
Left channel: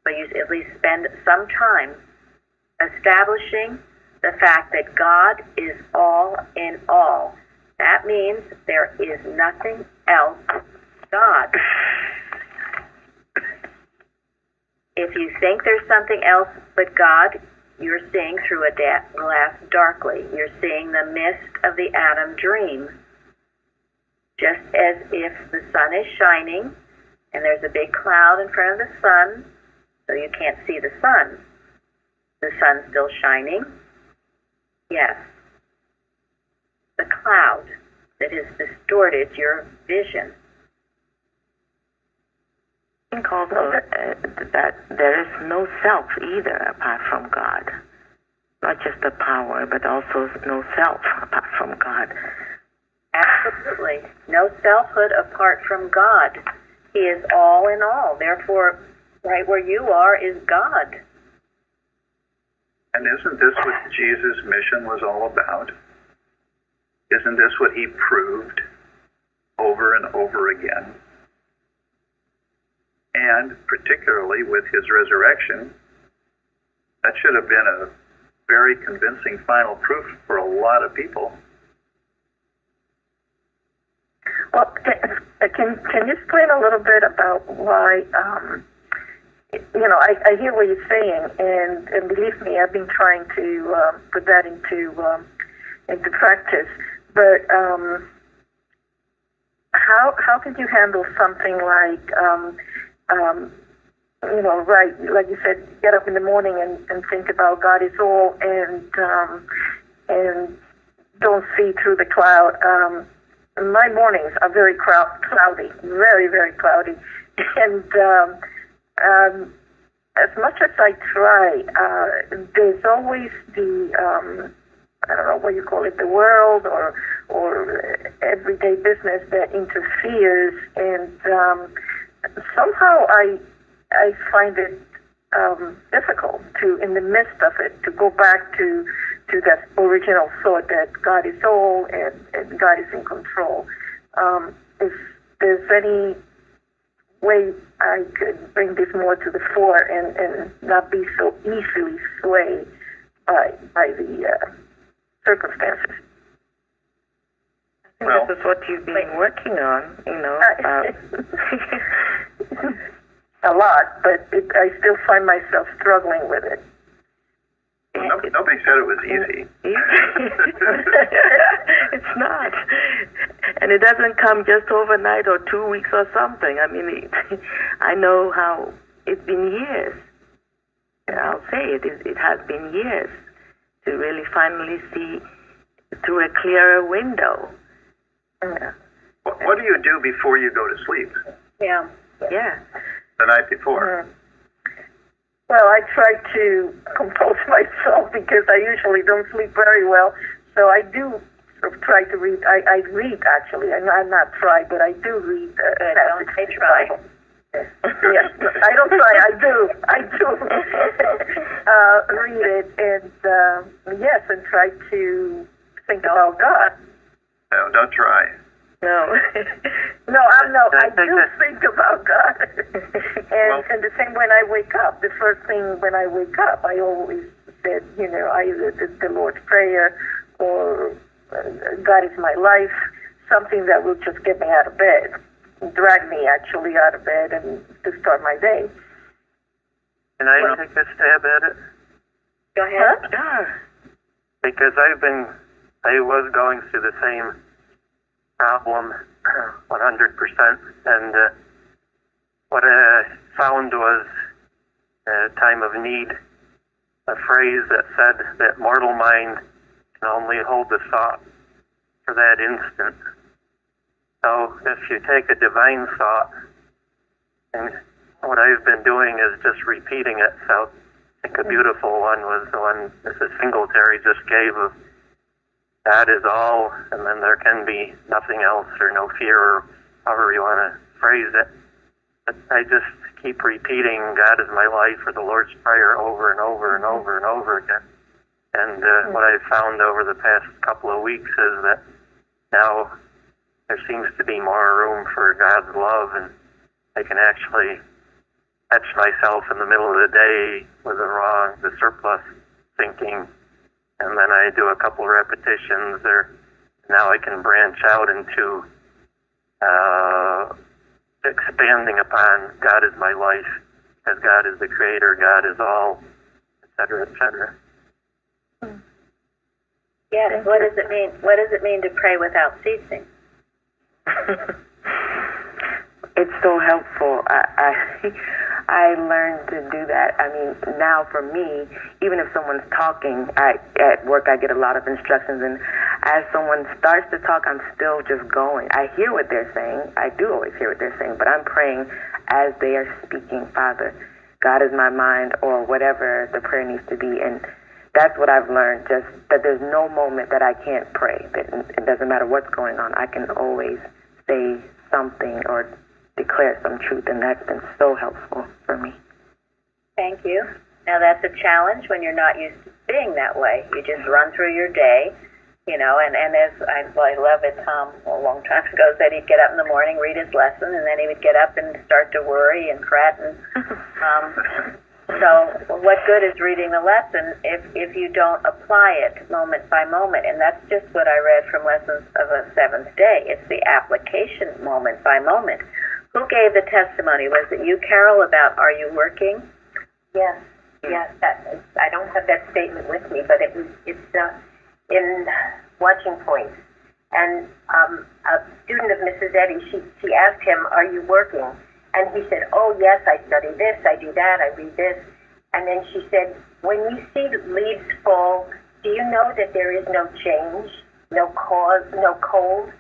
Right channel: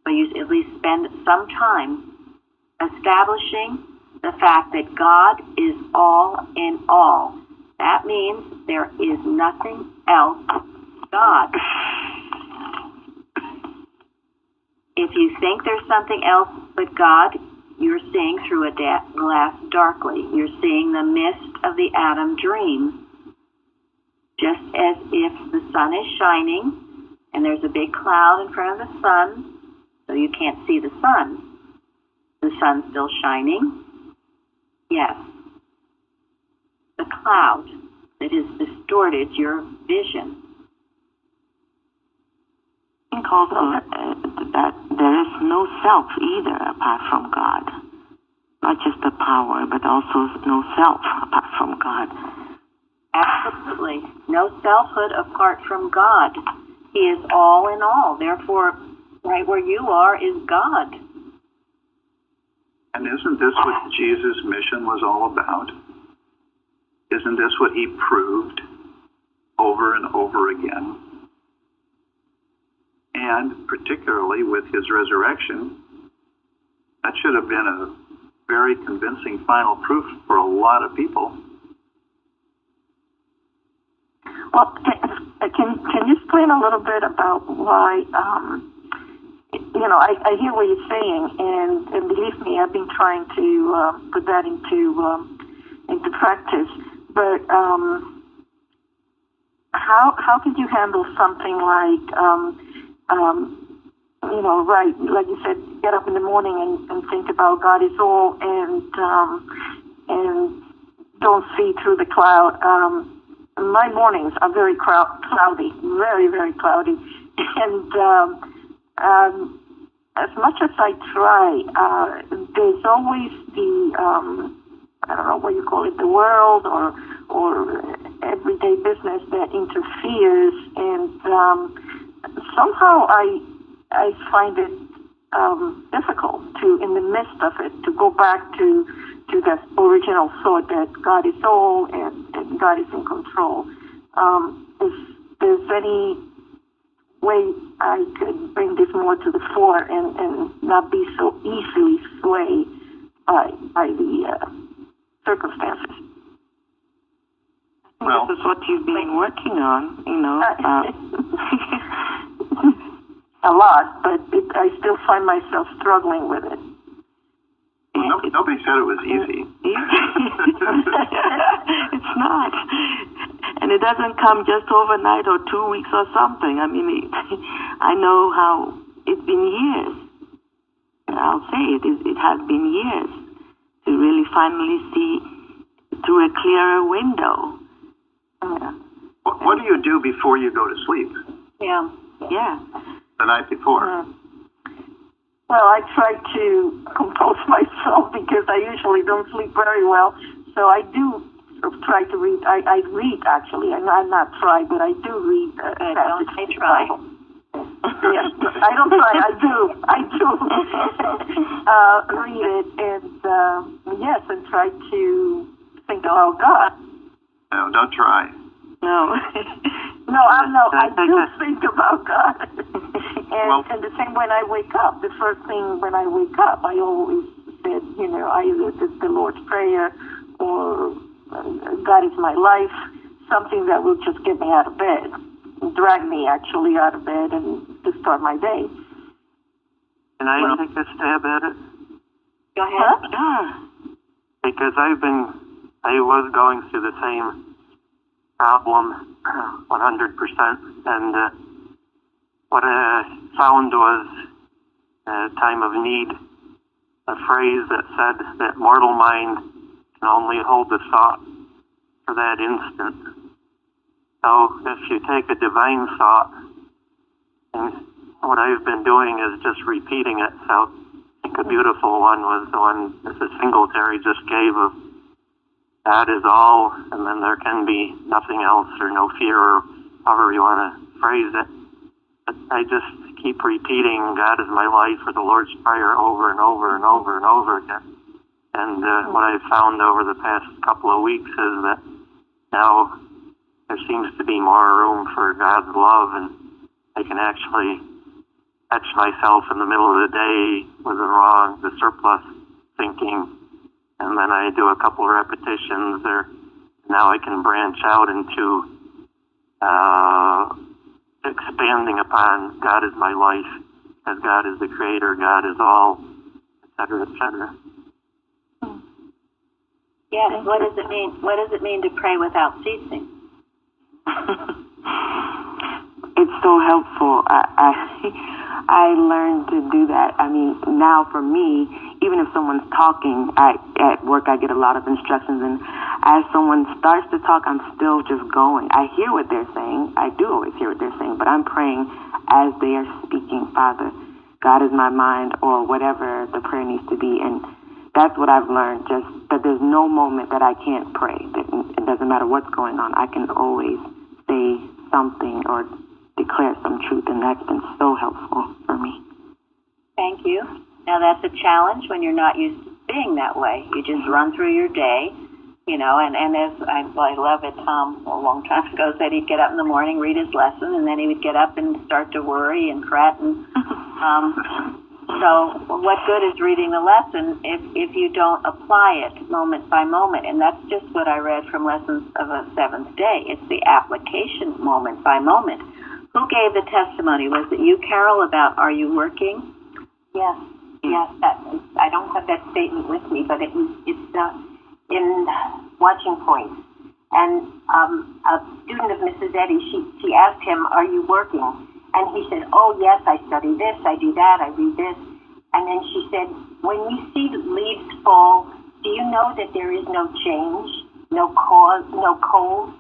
but you at least spend some time establishing the fact that God is all in all. That means there is nothing else God. If you think there's something else but God, you're seeing through a glass darkly. You're seeing the mist of the Adam dream. Just as if the sun is shining and there's a big cloud in front of the sun, so you can't see the sun. The sun's still shining. Yes. The cloud that has distorted your vision. I think also that there is no self either apart from God. Not just the power, but also no self apart from God. Absolutely. No selfhood apart from God. He is all in all. Therefore, right where you are is God. And isn't this what Jesus' mission was all about? Isn't this what he proved over and over again? And particularly with his resurrection, that should have been a very convincing final proof for a lot of people. Well, can you explain a little bit about why, I hear what you're saying, and believe me, I've been trying to put that into practice, but how could you handle something like, right, like you said, get up in the morning and think about God is all, and don't see through the cloud. My mornings are very cloudy, very, very cloudy. And as much as I try, there's always the, I don't know what you call it, the world or everyday business that interferes. And somehow I find it difficult to, in the midst of it, to go back to that original thought that God is all and God is in control. If there's any way I could bring this more to the fore and not be so easily swayed by the circumstances. I think this is what you've been working on, a lot, but I still find myself struggling with it. Well, nobody said it was easy. It's not. And it doesn't come just overnight or 2 weeks or something. I mean, I know how it's been years. I'll say it has been years to really finally see through a clearer window. Yeah. What do you do before you go to sleep? Yeah. The night before? Well, I try to compose myself because I usually don't sleep very well. So I do sort of try to read. I read, actually. I'm not try, but I do read. Don't say try. Yes, I don't try. I do read it, and yes, and try to think about God. No, don't try. No. I do think about God. And the same when I wake up. The first thing when I wake up, I always said, either the Lord's Prayer or God is my life, something that will just get me out of bed, drag me actually out of bed and to start my day. Can I take a stab at it? Go ahead. Huh? because I was going through the same problem 100%, and what I found was a time of need, a phrase that said that mortal mind can only hold the thought for that instant. So if you take a divine thought, and what I've been doing is just repeating it. So I think a beautiful one was the one Mrs. Singletary just gave of God is all, and then there can be nothing else or no fear, or however you want to phrase it. But I just keep repeating God is my life, or the Lord's Prayer, over and over and over and over again. And what I've found over the past couple of weeks is that now there seems to be more room for God's love, and I can actually catch myself in the middle of the day with the surplus thinking, and then I do a couple repetitions there. Now I can branch out into expanding upon God is my life, as God is the creator, God is all, etc., etc. Yes. What does it mean? What does it mean to pray without ceasing? It's so helpful. I learned to do that. I mean, now for me, even if someone's talking, at work I get a lot of instructions, and as someone starts to talk, I'm still just going. I hear what they're saying. I do always hear what they're saying, but I'm praying as they are speaking. Father, God is my mind, or whatever the prayer needs to be. And that's what I've learned, just that there's no moment that I can't pray. That it doesn't matter what's going on. I can always say something or declare some truth, and that's been so helpful for me. Thank you. Now that's a challenge when you're not used to being that way. You just run through your day, and as I love it, Tom a long time ago said he'd get up in the morning, read his lesson, and then he would get up and start to worry and fret. And so what good is reading the lesson if you don't apply it moment by moment? And that's just what I read from Lessons of a Seventh Day. It's the application moment by moment. Who gave the testimony? Was it you, Carol, about are you working? Yes. I don't have that statement with me, but it's in Watching Points. And a student of Mrs. Eddy, she asked him, "Are you working?" And he said, "Oh yes, I study this, I do that, I read this." And then she said, "When you see the leaves fall, do you know that there is no change, no cause, no cold?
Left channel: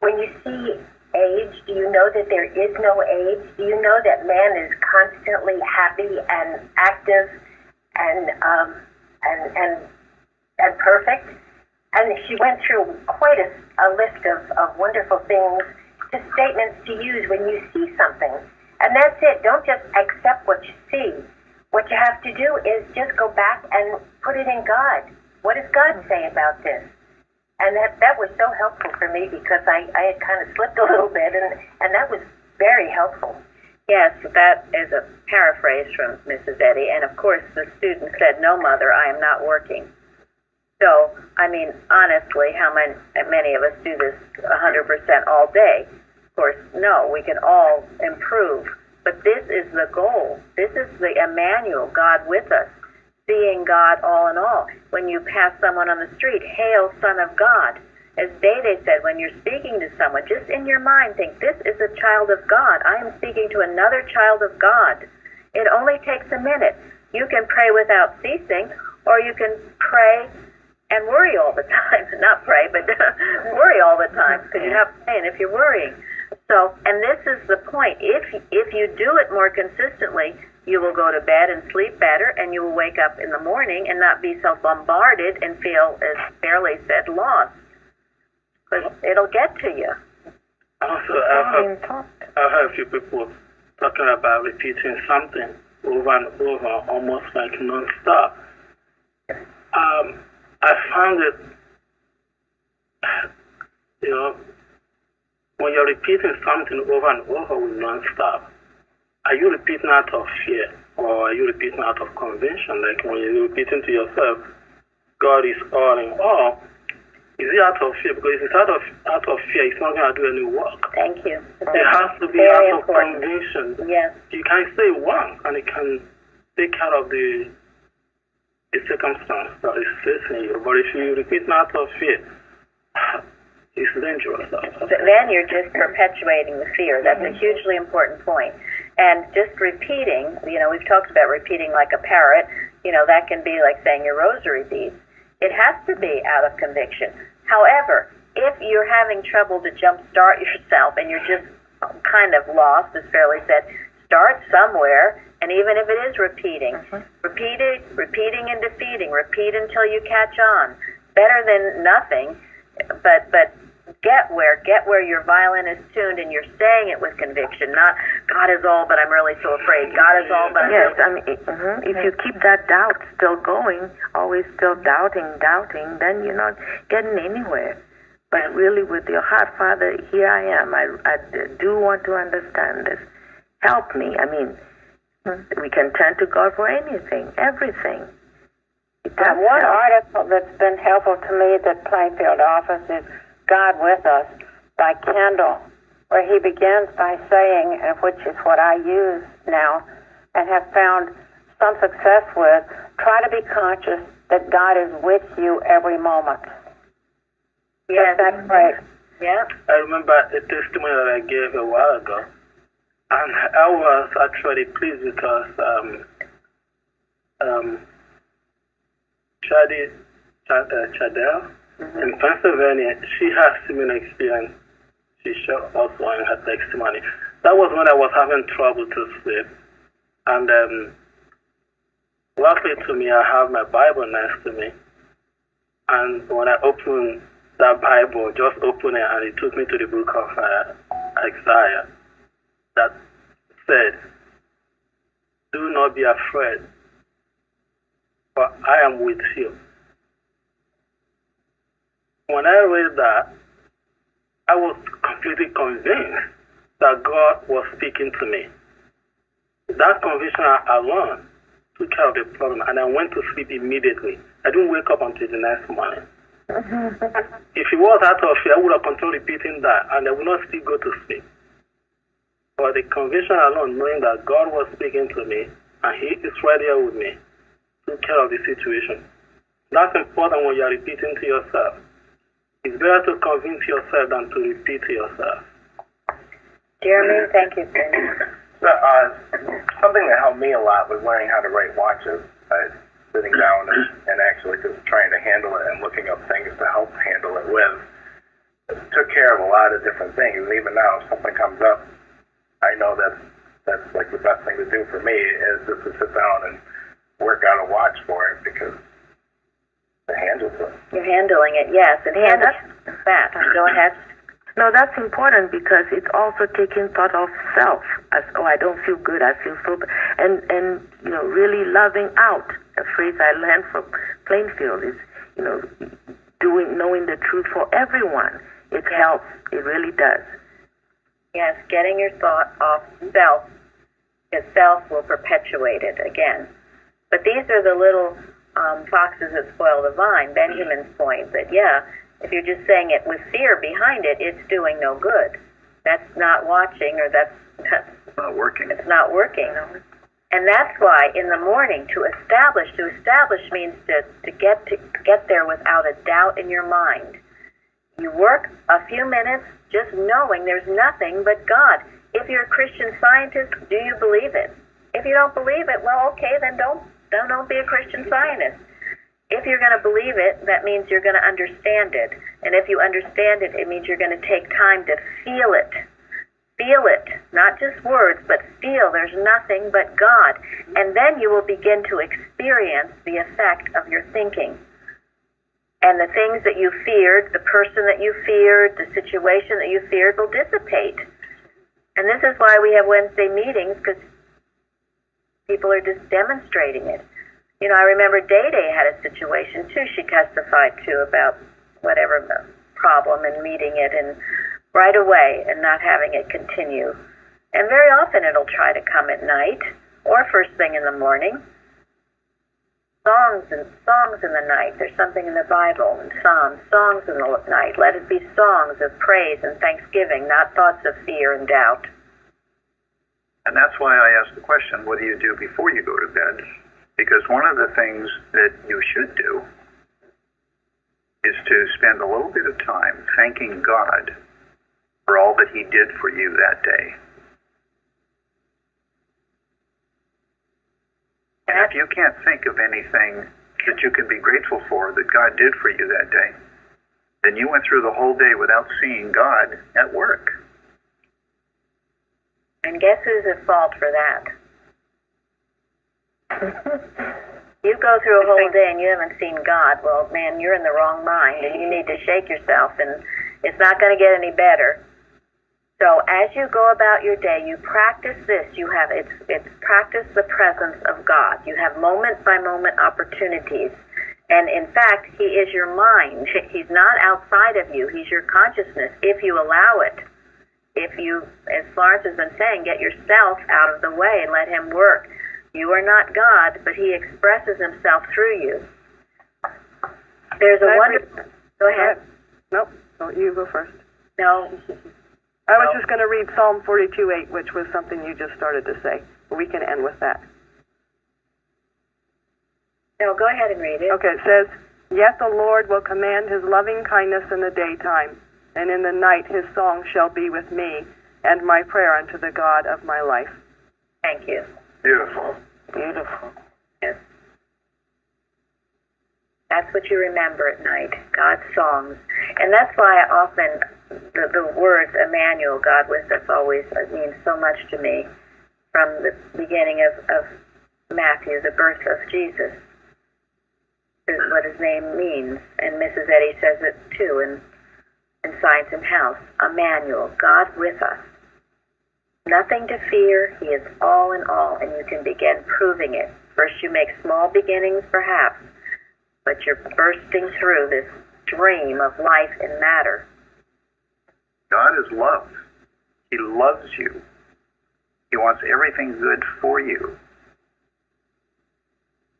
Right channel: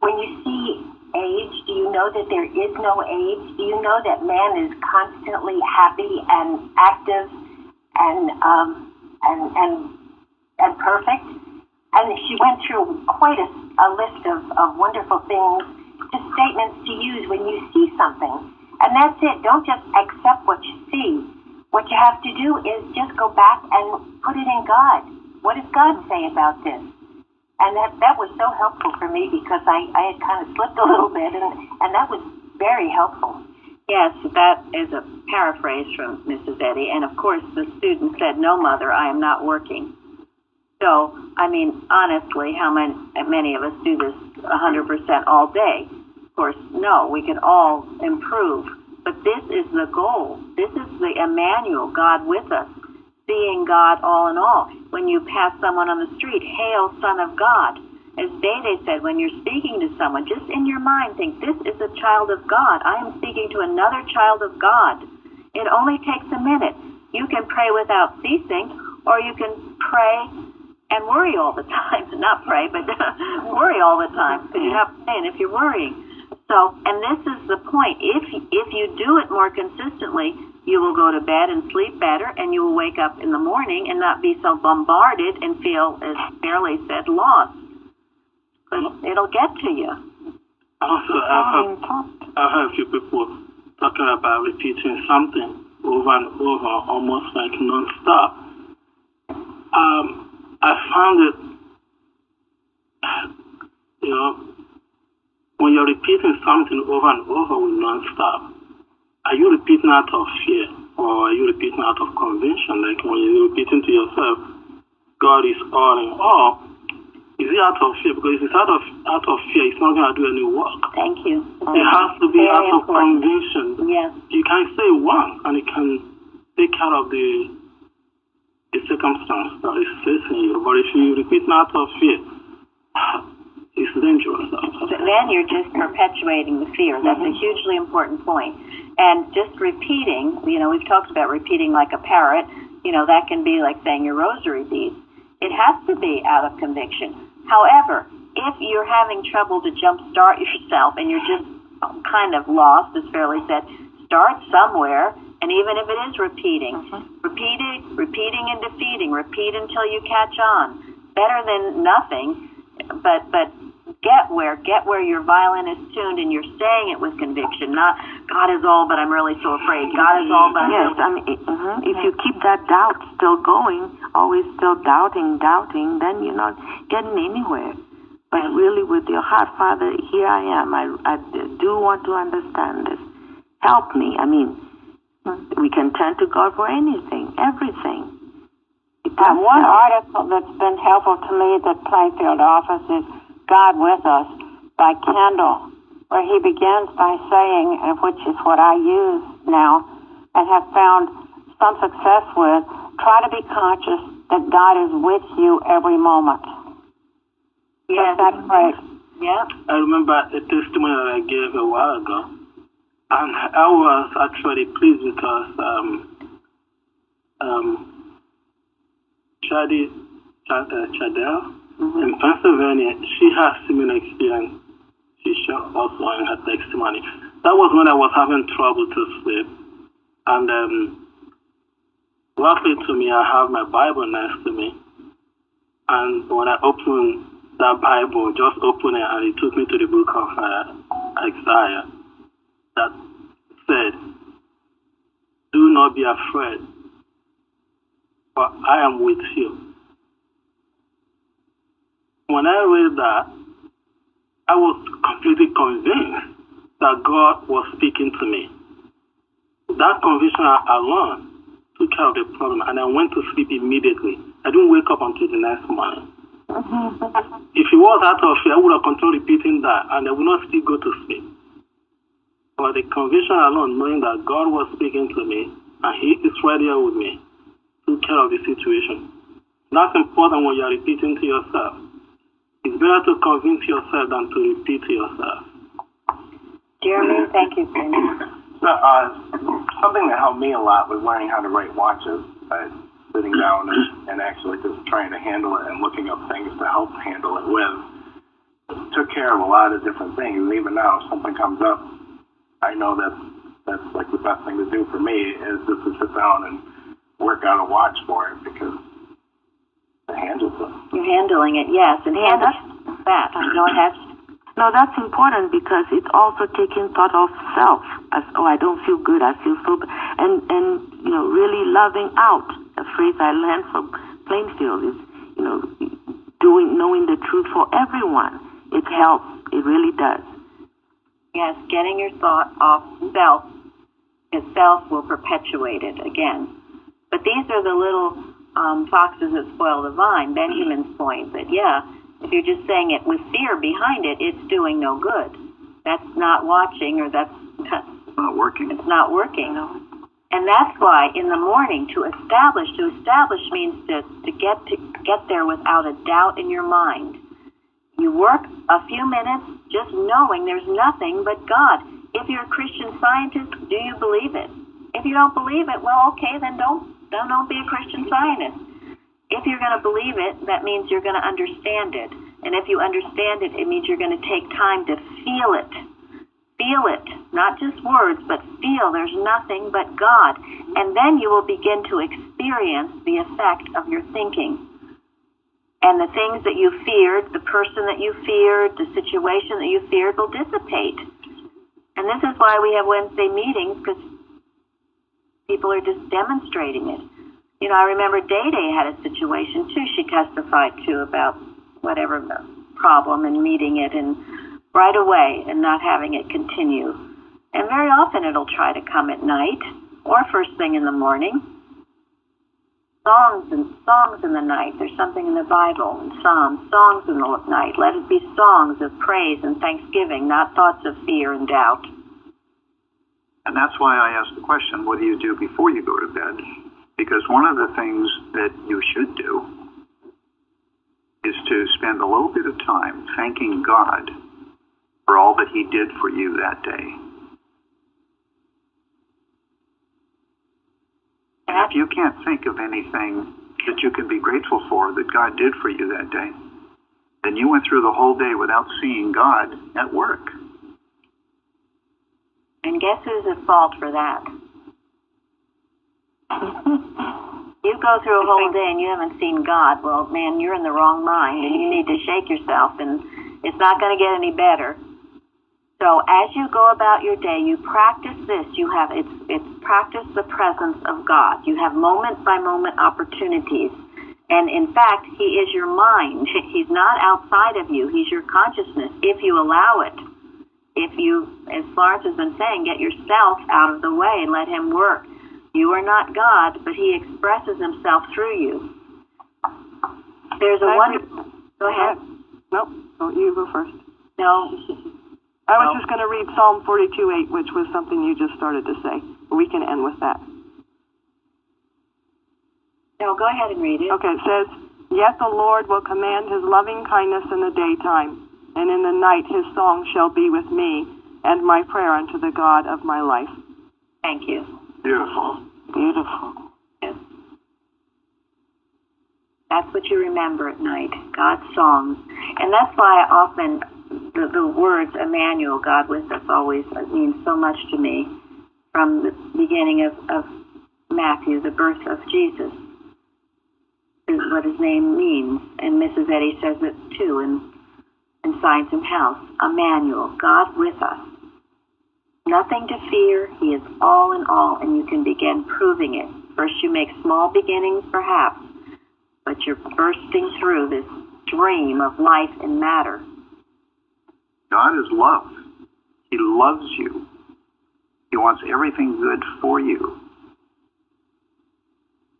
When you see age, do you know that there is no age? Do you know that man is constantly happy and active and perfect?" And she went through quite a list of wonderful things, just statements to use when you see something. And that's it. Don't just accept what you see. What you have to do is just go back and put it in God. What does God say about this? And that was so helpful for me, because I had kind of slipped a little bit, and that was very helpful. Yes, that is a paraphrase from Mrs. Eddy. And, of course, the student said, "No, Mother, I am not working." So, I mean, honestly, how many of us do this 100% all day? Of course, no, we can all improve. But this is the goal. This is the Emmanuel, God with us, seeing God all in all. When you pass someone on the street, "Hail, Son of God." As Dede said, when you're speaking to someone, just in your mind think, this is a child of God. I am speaking to another child of God. It only takes a minute. You can pray without ceasing, or you can pray and worry all the time. Not pray, but worry all the time, because you're not praying if you're worrying. So, and this is the point. If you do it more consistently, you will go to bed and sleep better, and you will wake up in the morning and not be so bombarded and feel, as Fairley said, lost. But it'll get to you. Also, I've heard a few people talking about repeating something over and over, almost like non-stop. I found it, when you're repeating something over and over with non-stop, are you repeating out of fear, or are you repeating out of conviction? Like when you're repeating to yourself, God is all in all, is it out of fear? Because if it's out of fear, it's not going to do any work. Thank you. It has to be Very out important. of conviction. Yes. You can say one, and it can take care of the a circumstance that is facing you. But if you repeat out of fear, it's dangerous. Then you're just perpetuating the fear. That's a hugely important point. And just repeating, we've talked about repeating like a parrot, that can be like saying your rosary beads. It has to be out of conviction. However, if you're having trouble to jumpstart yourself and you're just kind of lost, as Fairley said, start somewhere, and even if it is repeating, repeating and defeating, repeat until you catch on. Better than nothing, but get where your violin is tuned and you're saying it with conviction, not God is all, but I'm really so afraid. God is all, but I'm yes. I mean, if you keep that doubt still going, always still doubting, then you're not getting anywhere. But really, with your heart, Father, here I am. I do want to understand this. Help me. I mean, we can turn to God for anything, everything. One article that's been helpful to me that Plainfield offers is God with Us by Kendall, where he begins by saying, and which is what I use now and have found some success with, try to be conscious that God is with you every moment. Yes, that's great. Yeah. I remember a testimony that I gave a while ago, and I was actually pleased because Chadell in Pennsylvania, she has similar experience. She showed also in her testimony. That was when I was having trouble to sleep, and luckily to me, I have my Bible next to me, and when I opened that Bible, just opened it, and it took me to the book of Isaiah that said, "Do not be afraid, for I am with you." When I read that, I was completely convinced that God was speaking to me. That conviction alone took care of the problem, and I went to sleep immediately. I didn't wake up until the next morning. If it was out of fear, I would have continued repeating that, and I would not still go to sleep. But the conviction alone, knowing that God was speaking to me, and He is right here with me, took care of the situation. That's important when you are repeating to yourself. It's better to convince yourself than to repeat to yourself. Jeremy, thank you. So, something that helped me a lot was learning how to write watches. Sitting down and actually just trying to handle it and looking up things to help handle it with. It took care of a lot of different things. And even now, if something comes up, I know that's like the best thing to do for me is just to sit down and work out a watch for it because it handles it. You're handling it, yes. And handle that. Go ahead. No, that's important because it's also taking thought of self. As, I don't feel good. I feel so bad. And really loving out. A phrase I learned from Plainfield is, knowing the truth for everyone. It helps. It really does. Yes, getting your thought off self, because self will perpetuate it again. But these are the little foxes that spoil the vine, Benjamin's point. But if you're just saying it with fear behind it, it's doing no good. That's not watching, or that's not working. It's not working. And that's why in the morning to establish means to get there without a doubt in your mind. You work a few minutes just knowing there's nothing but God. If you're a Christian Scientist, do you believe it? If you don't believe it, well, okay, then don't be a Christian Scientist. If you're going to believe it, that means you're going to understand it. And if you understand it, it means you're going to take time to feel it. Feel it, not just words, but feel there's nothing but God. And then you will begin to experience the effect of your thinking. And the things that you feared, the person that you feared, the situation that you feared will dissipate. And this is why we have Wednesday meetings, because people are just demonstrating it. I remember Day Day had a situation, too, she testified to about whatever problem and meeting it and right away and not having it continue. And very often it'll try to come at night or first thing in the morning. Songs in the night. There's something in the Bible and Psalms. Songs in the night. Let it be songs of praise and thanksgiving, not thoughts of fear and doubt. And that's why I asked the question, what do you do before you go to bed? Because one of the things that you should do is to spend a little bit of time thanking God for all that he did for you that day. And if you can't think of anything that you can be grateful for that God did for you that day, then you went through the whole day without seeing God at work. And guess who's at fault for that? You go through a whole day and you haven't seen God. Well, man, you're in the wrong mind, and you need to shake yourself, and it's not going to get any better. So as you go about your day, you practice this. It's practice the presence of God. You have moment-by-moment opportunities. And in fact, he is your mind. He's not outside of you. He's your consciousness, if you allow it. If you, as Florence has been saying, get yourself out of the way and let him work. You are not God, but he expresses himself through you. There's a wonderful... Go ahead. Nope. Oh, you go first. No. I was just going to read Psalm 42:8, which was something you just started to say. We can end with that. No, go ahead and read it. Okay, it says, "Yet the Lord will command his loving kindness in the daytime, and in the night his song shall be with me, and my prayer unto the God of my life." Thank you. Beautiful. Beautiful. Yes. That's what you remember at night, God's songs. And that's why I often, the words Emmanuel, God with us, always means so much to me from the beginning of Matthew, the birth of Jesus, is what his name means. And Mrs. Eddy says it too in Science and Health. Emmanuel, God with us. Nothing to fear. He is all in all, and you can begin proving it. First you make small beginnings, perhaps, but you're bursting through this dream of life and matter. God is love. He loves you. He wants everything good for you.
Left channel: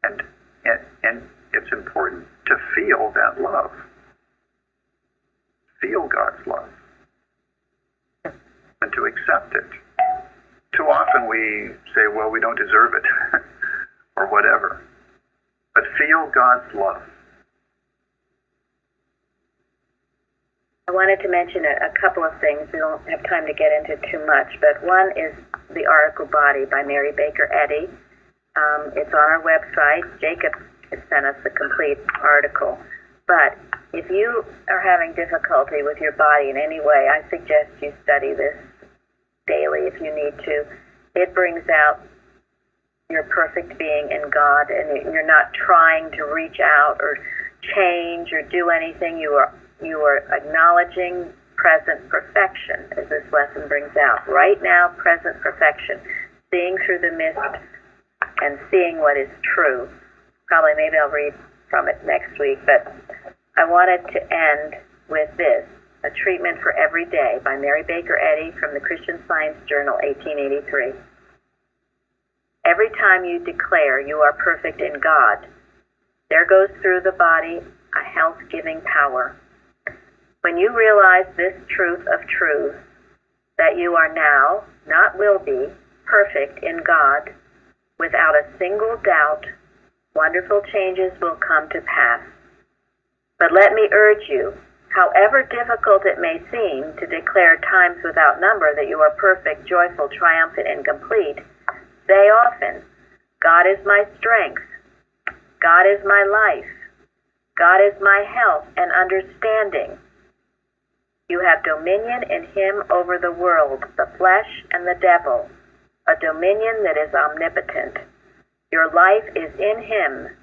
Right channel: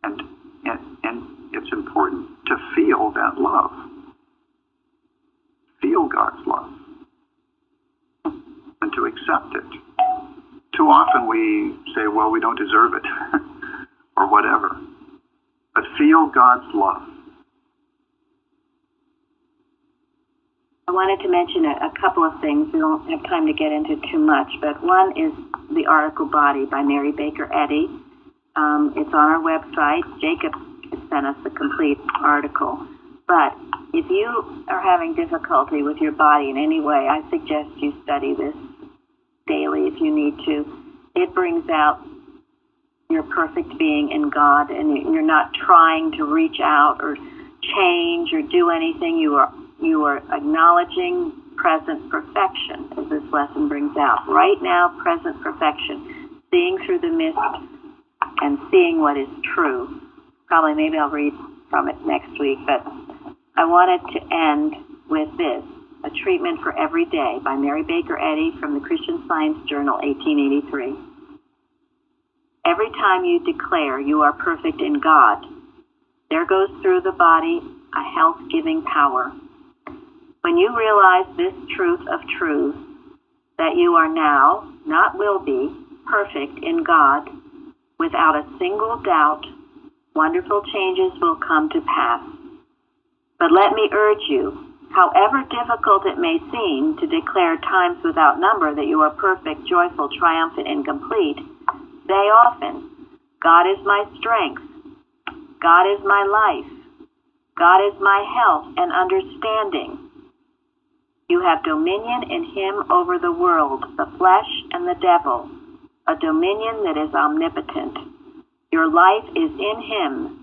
And it's important to feel that love. Feel God's love. And to accept it. Too often we say, well, we don't deserve it, or whatever. But feel God's love. I wanted to mention a couple of things. We don't have time to get into too much, but one is the article Body by Mary Baker Eddy. It's on our website. Jacob sent us the complete article. But if you are having difficulty with your body in any way, I suggest you study this daily if you need to. It brings out your perfect being in God, and you're not trying to reach out or change or do anything. You are acknowledging present perfection, as this lesson brings out. Right now, present perfection, seeing through the mist and seeing what is true. Probably maybe I'll read from it next week, but I wanted to end with this. A Treatment for Every Day by Mary Baker Eddy from the Christian Science Journal, 1883. Every time you declare you are perfect in God, there goes through the body a health-giving power. When you realize this truth of truths, that you are now, not will be, perfect in God, without a single doubt, wonderful changes will come to pass. But let me urge you, however difficult it may seem to declare times without number that you are perfect, joyful, triumphant, and complete, say often, God is my strength, God is my life, God is my health and understanding. You have dominion in him over the world, the flesh, and the devil, a dominion that is omnipotent. Your life is in him.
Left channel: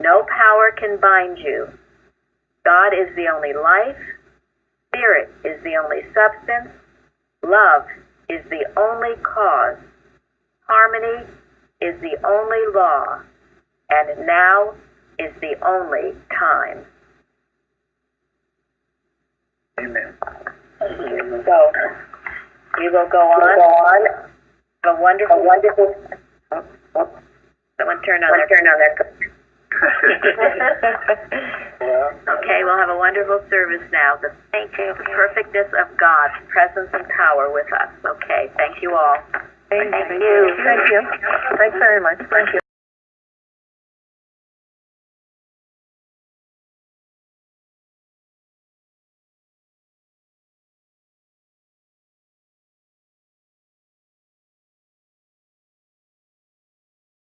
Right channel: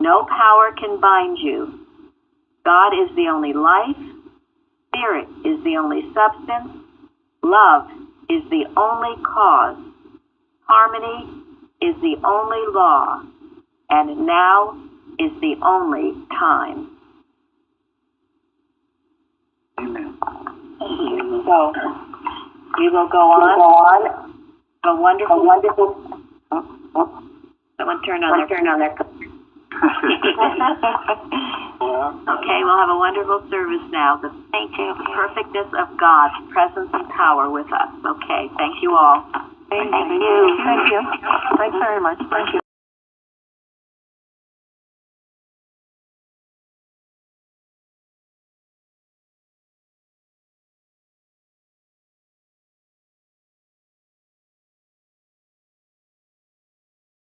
No power can bind you. God is the only life. Spirit is the only substance. Love is the only cause. Harmony is the only law. And now is the only time. Amen. So, we will go on. A wonderful. Someone turn on their. Okay, we'll have a wonderful service now. The perfectness of God's presence and power with us. Okay, thank you all. Thank you. Thank you. Thanks very much. Thank you.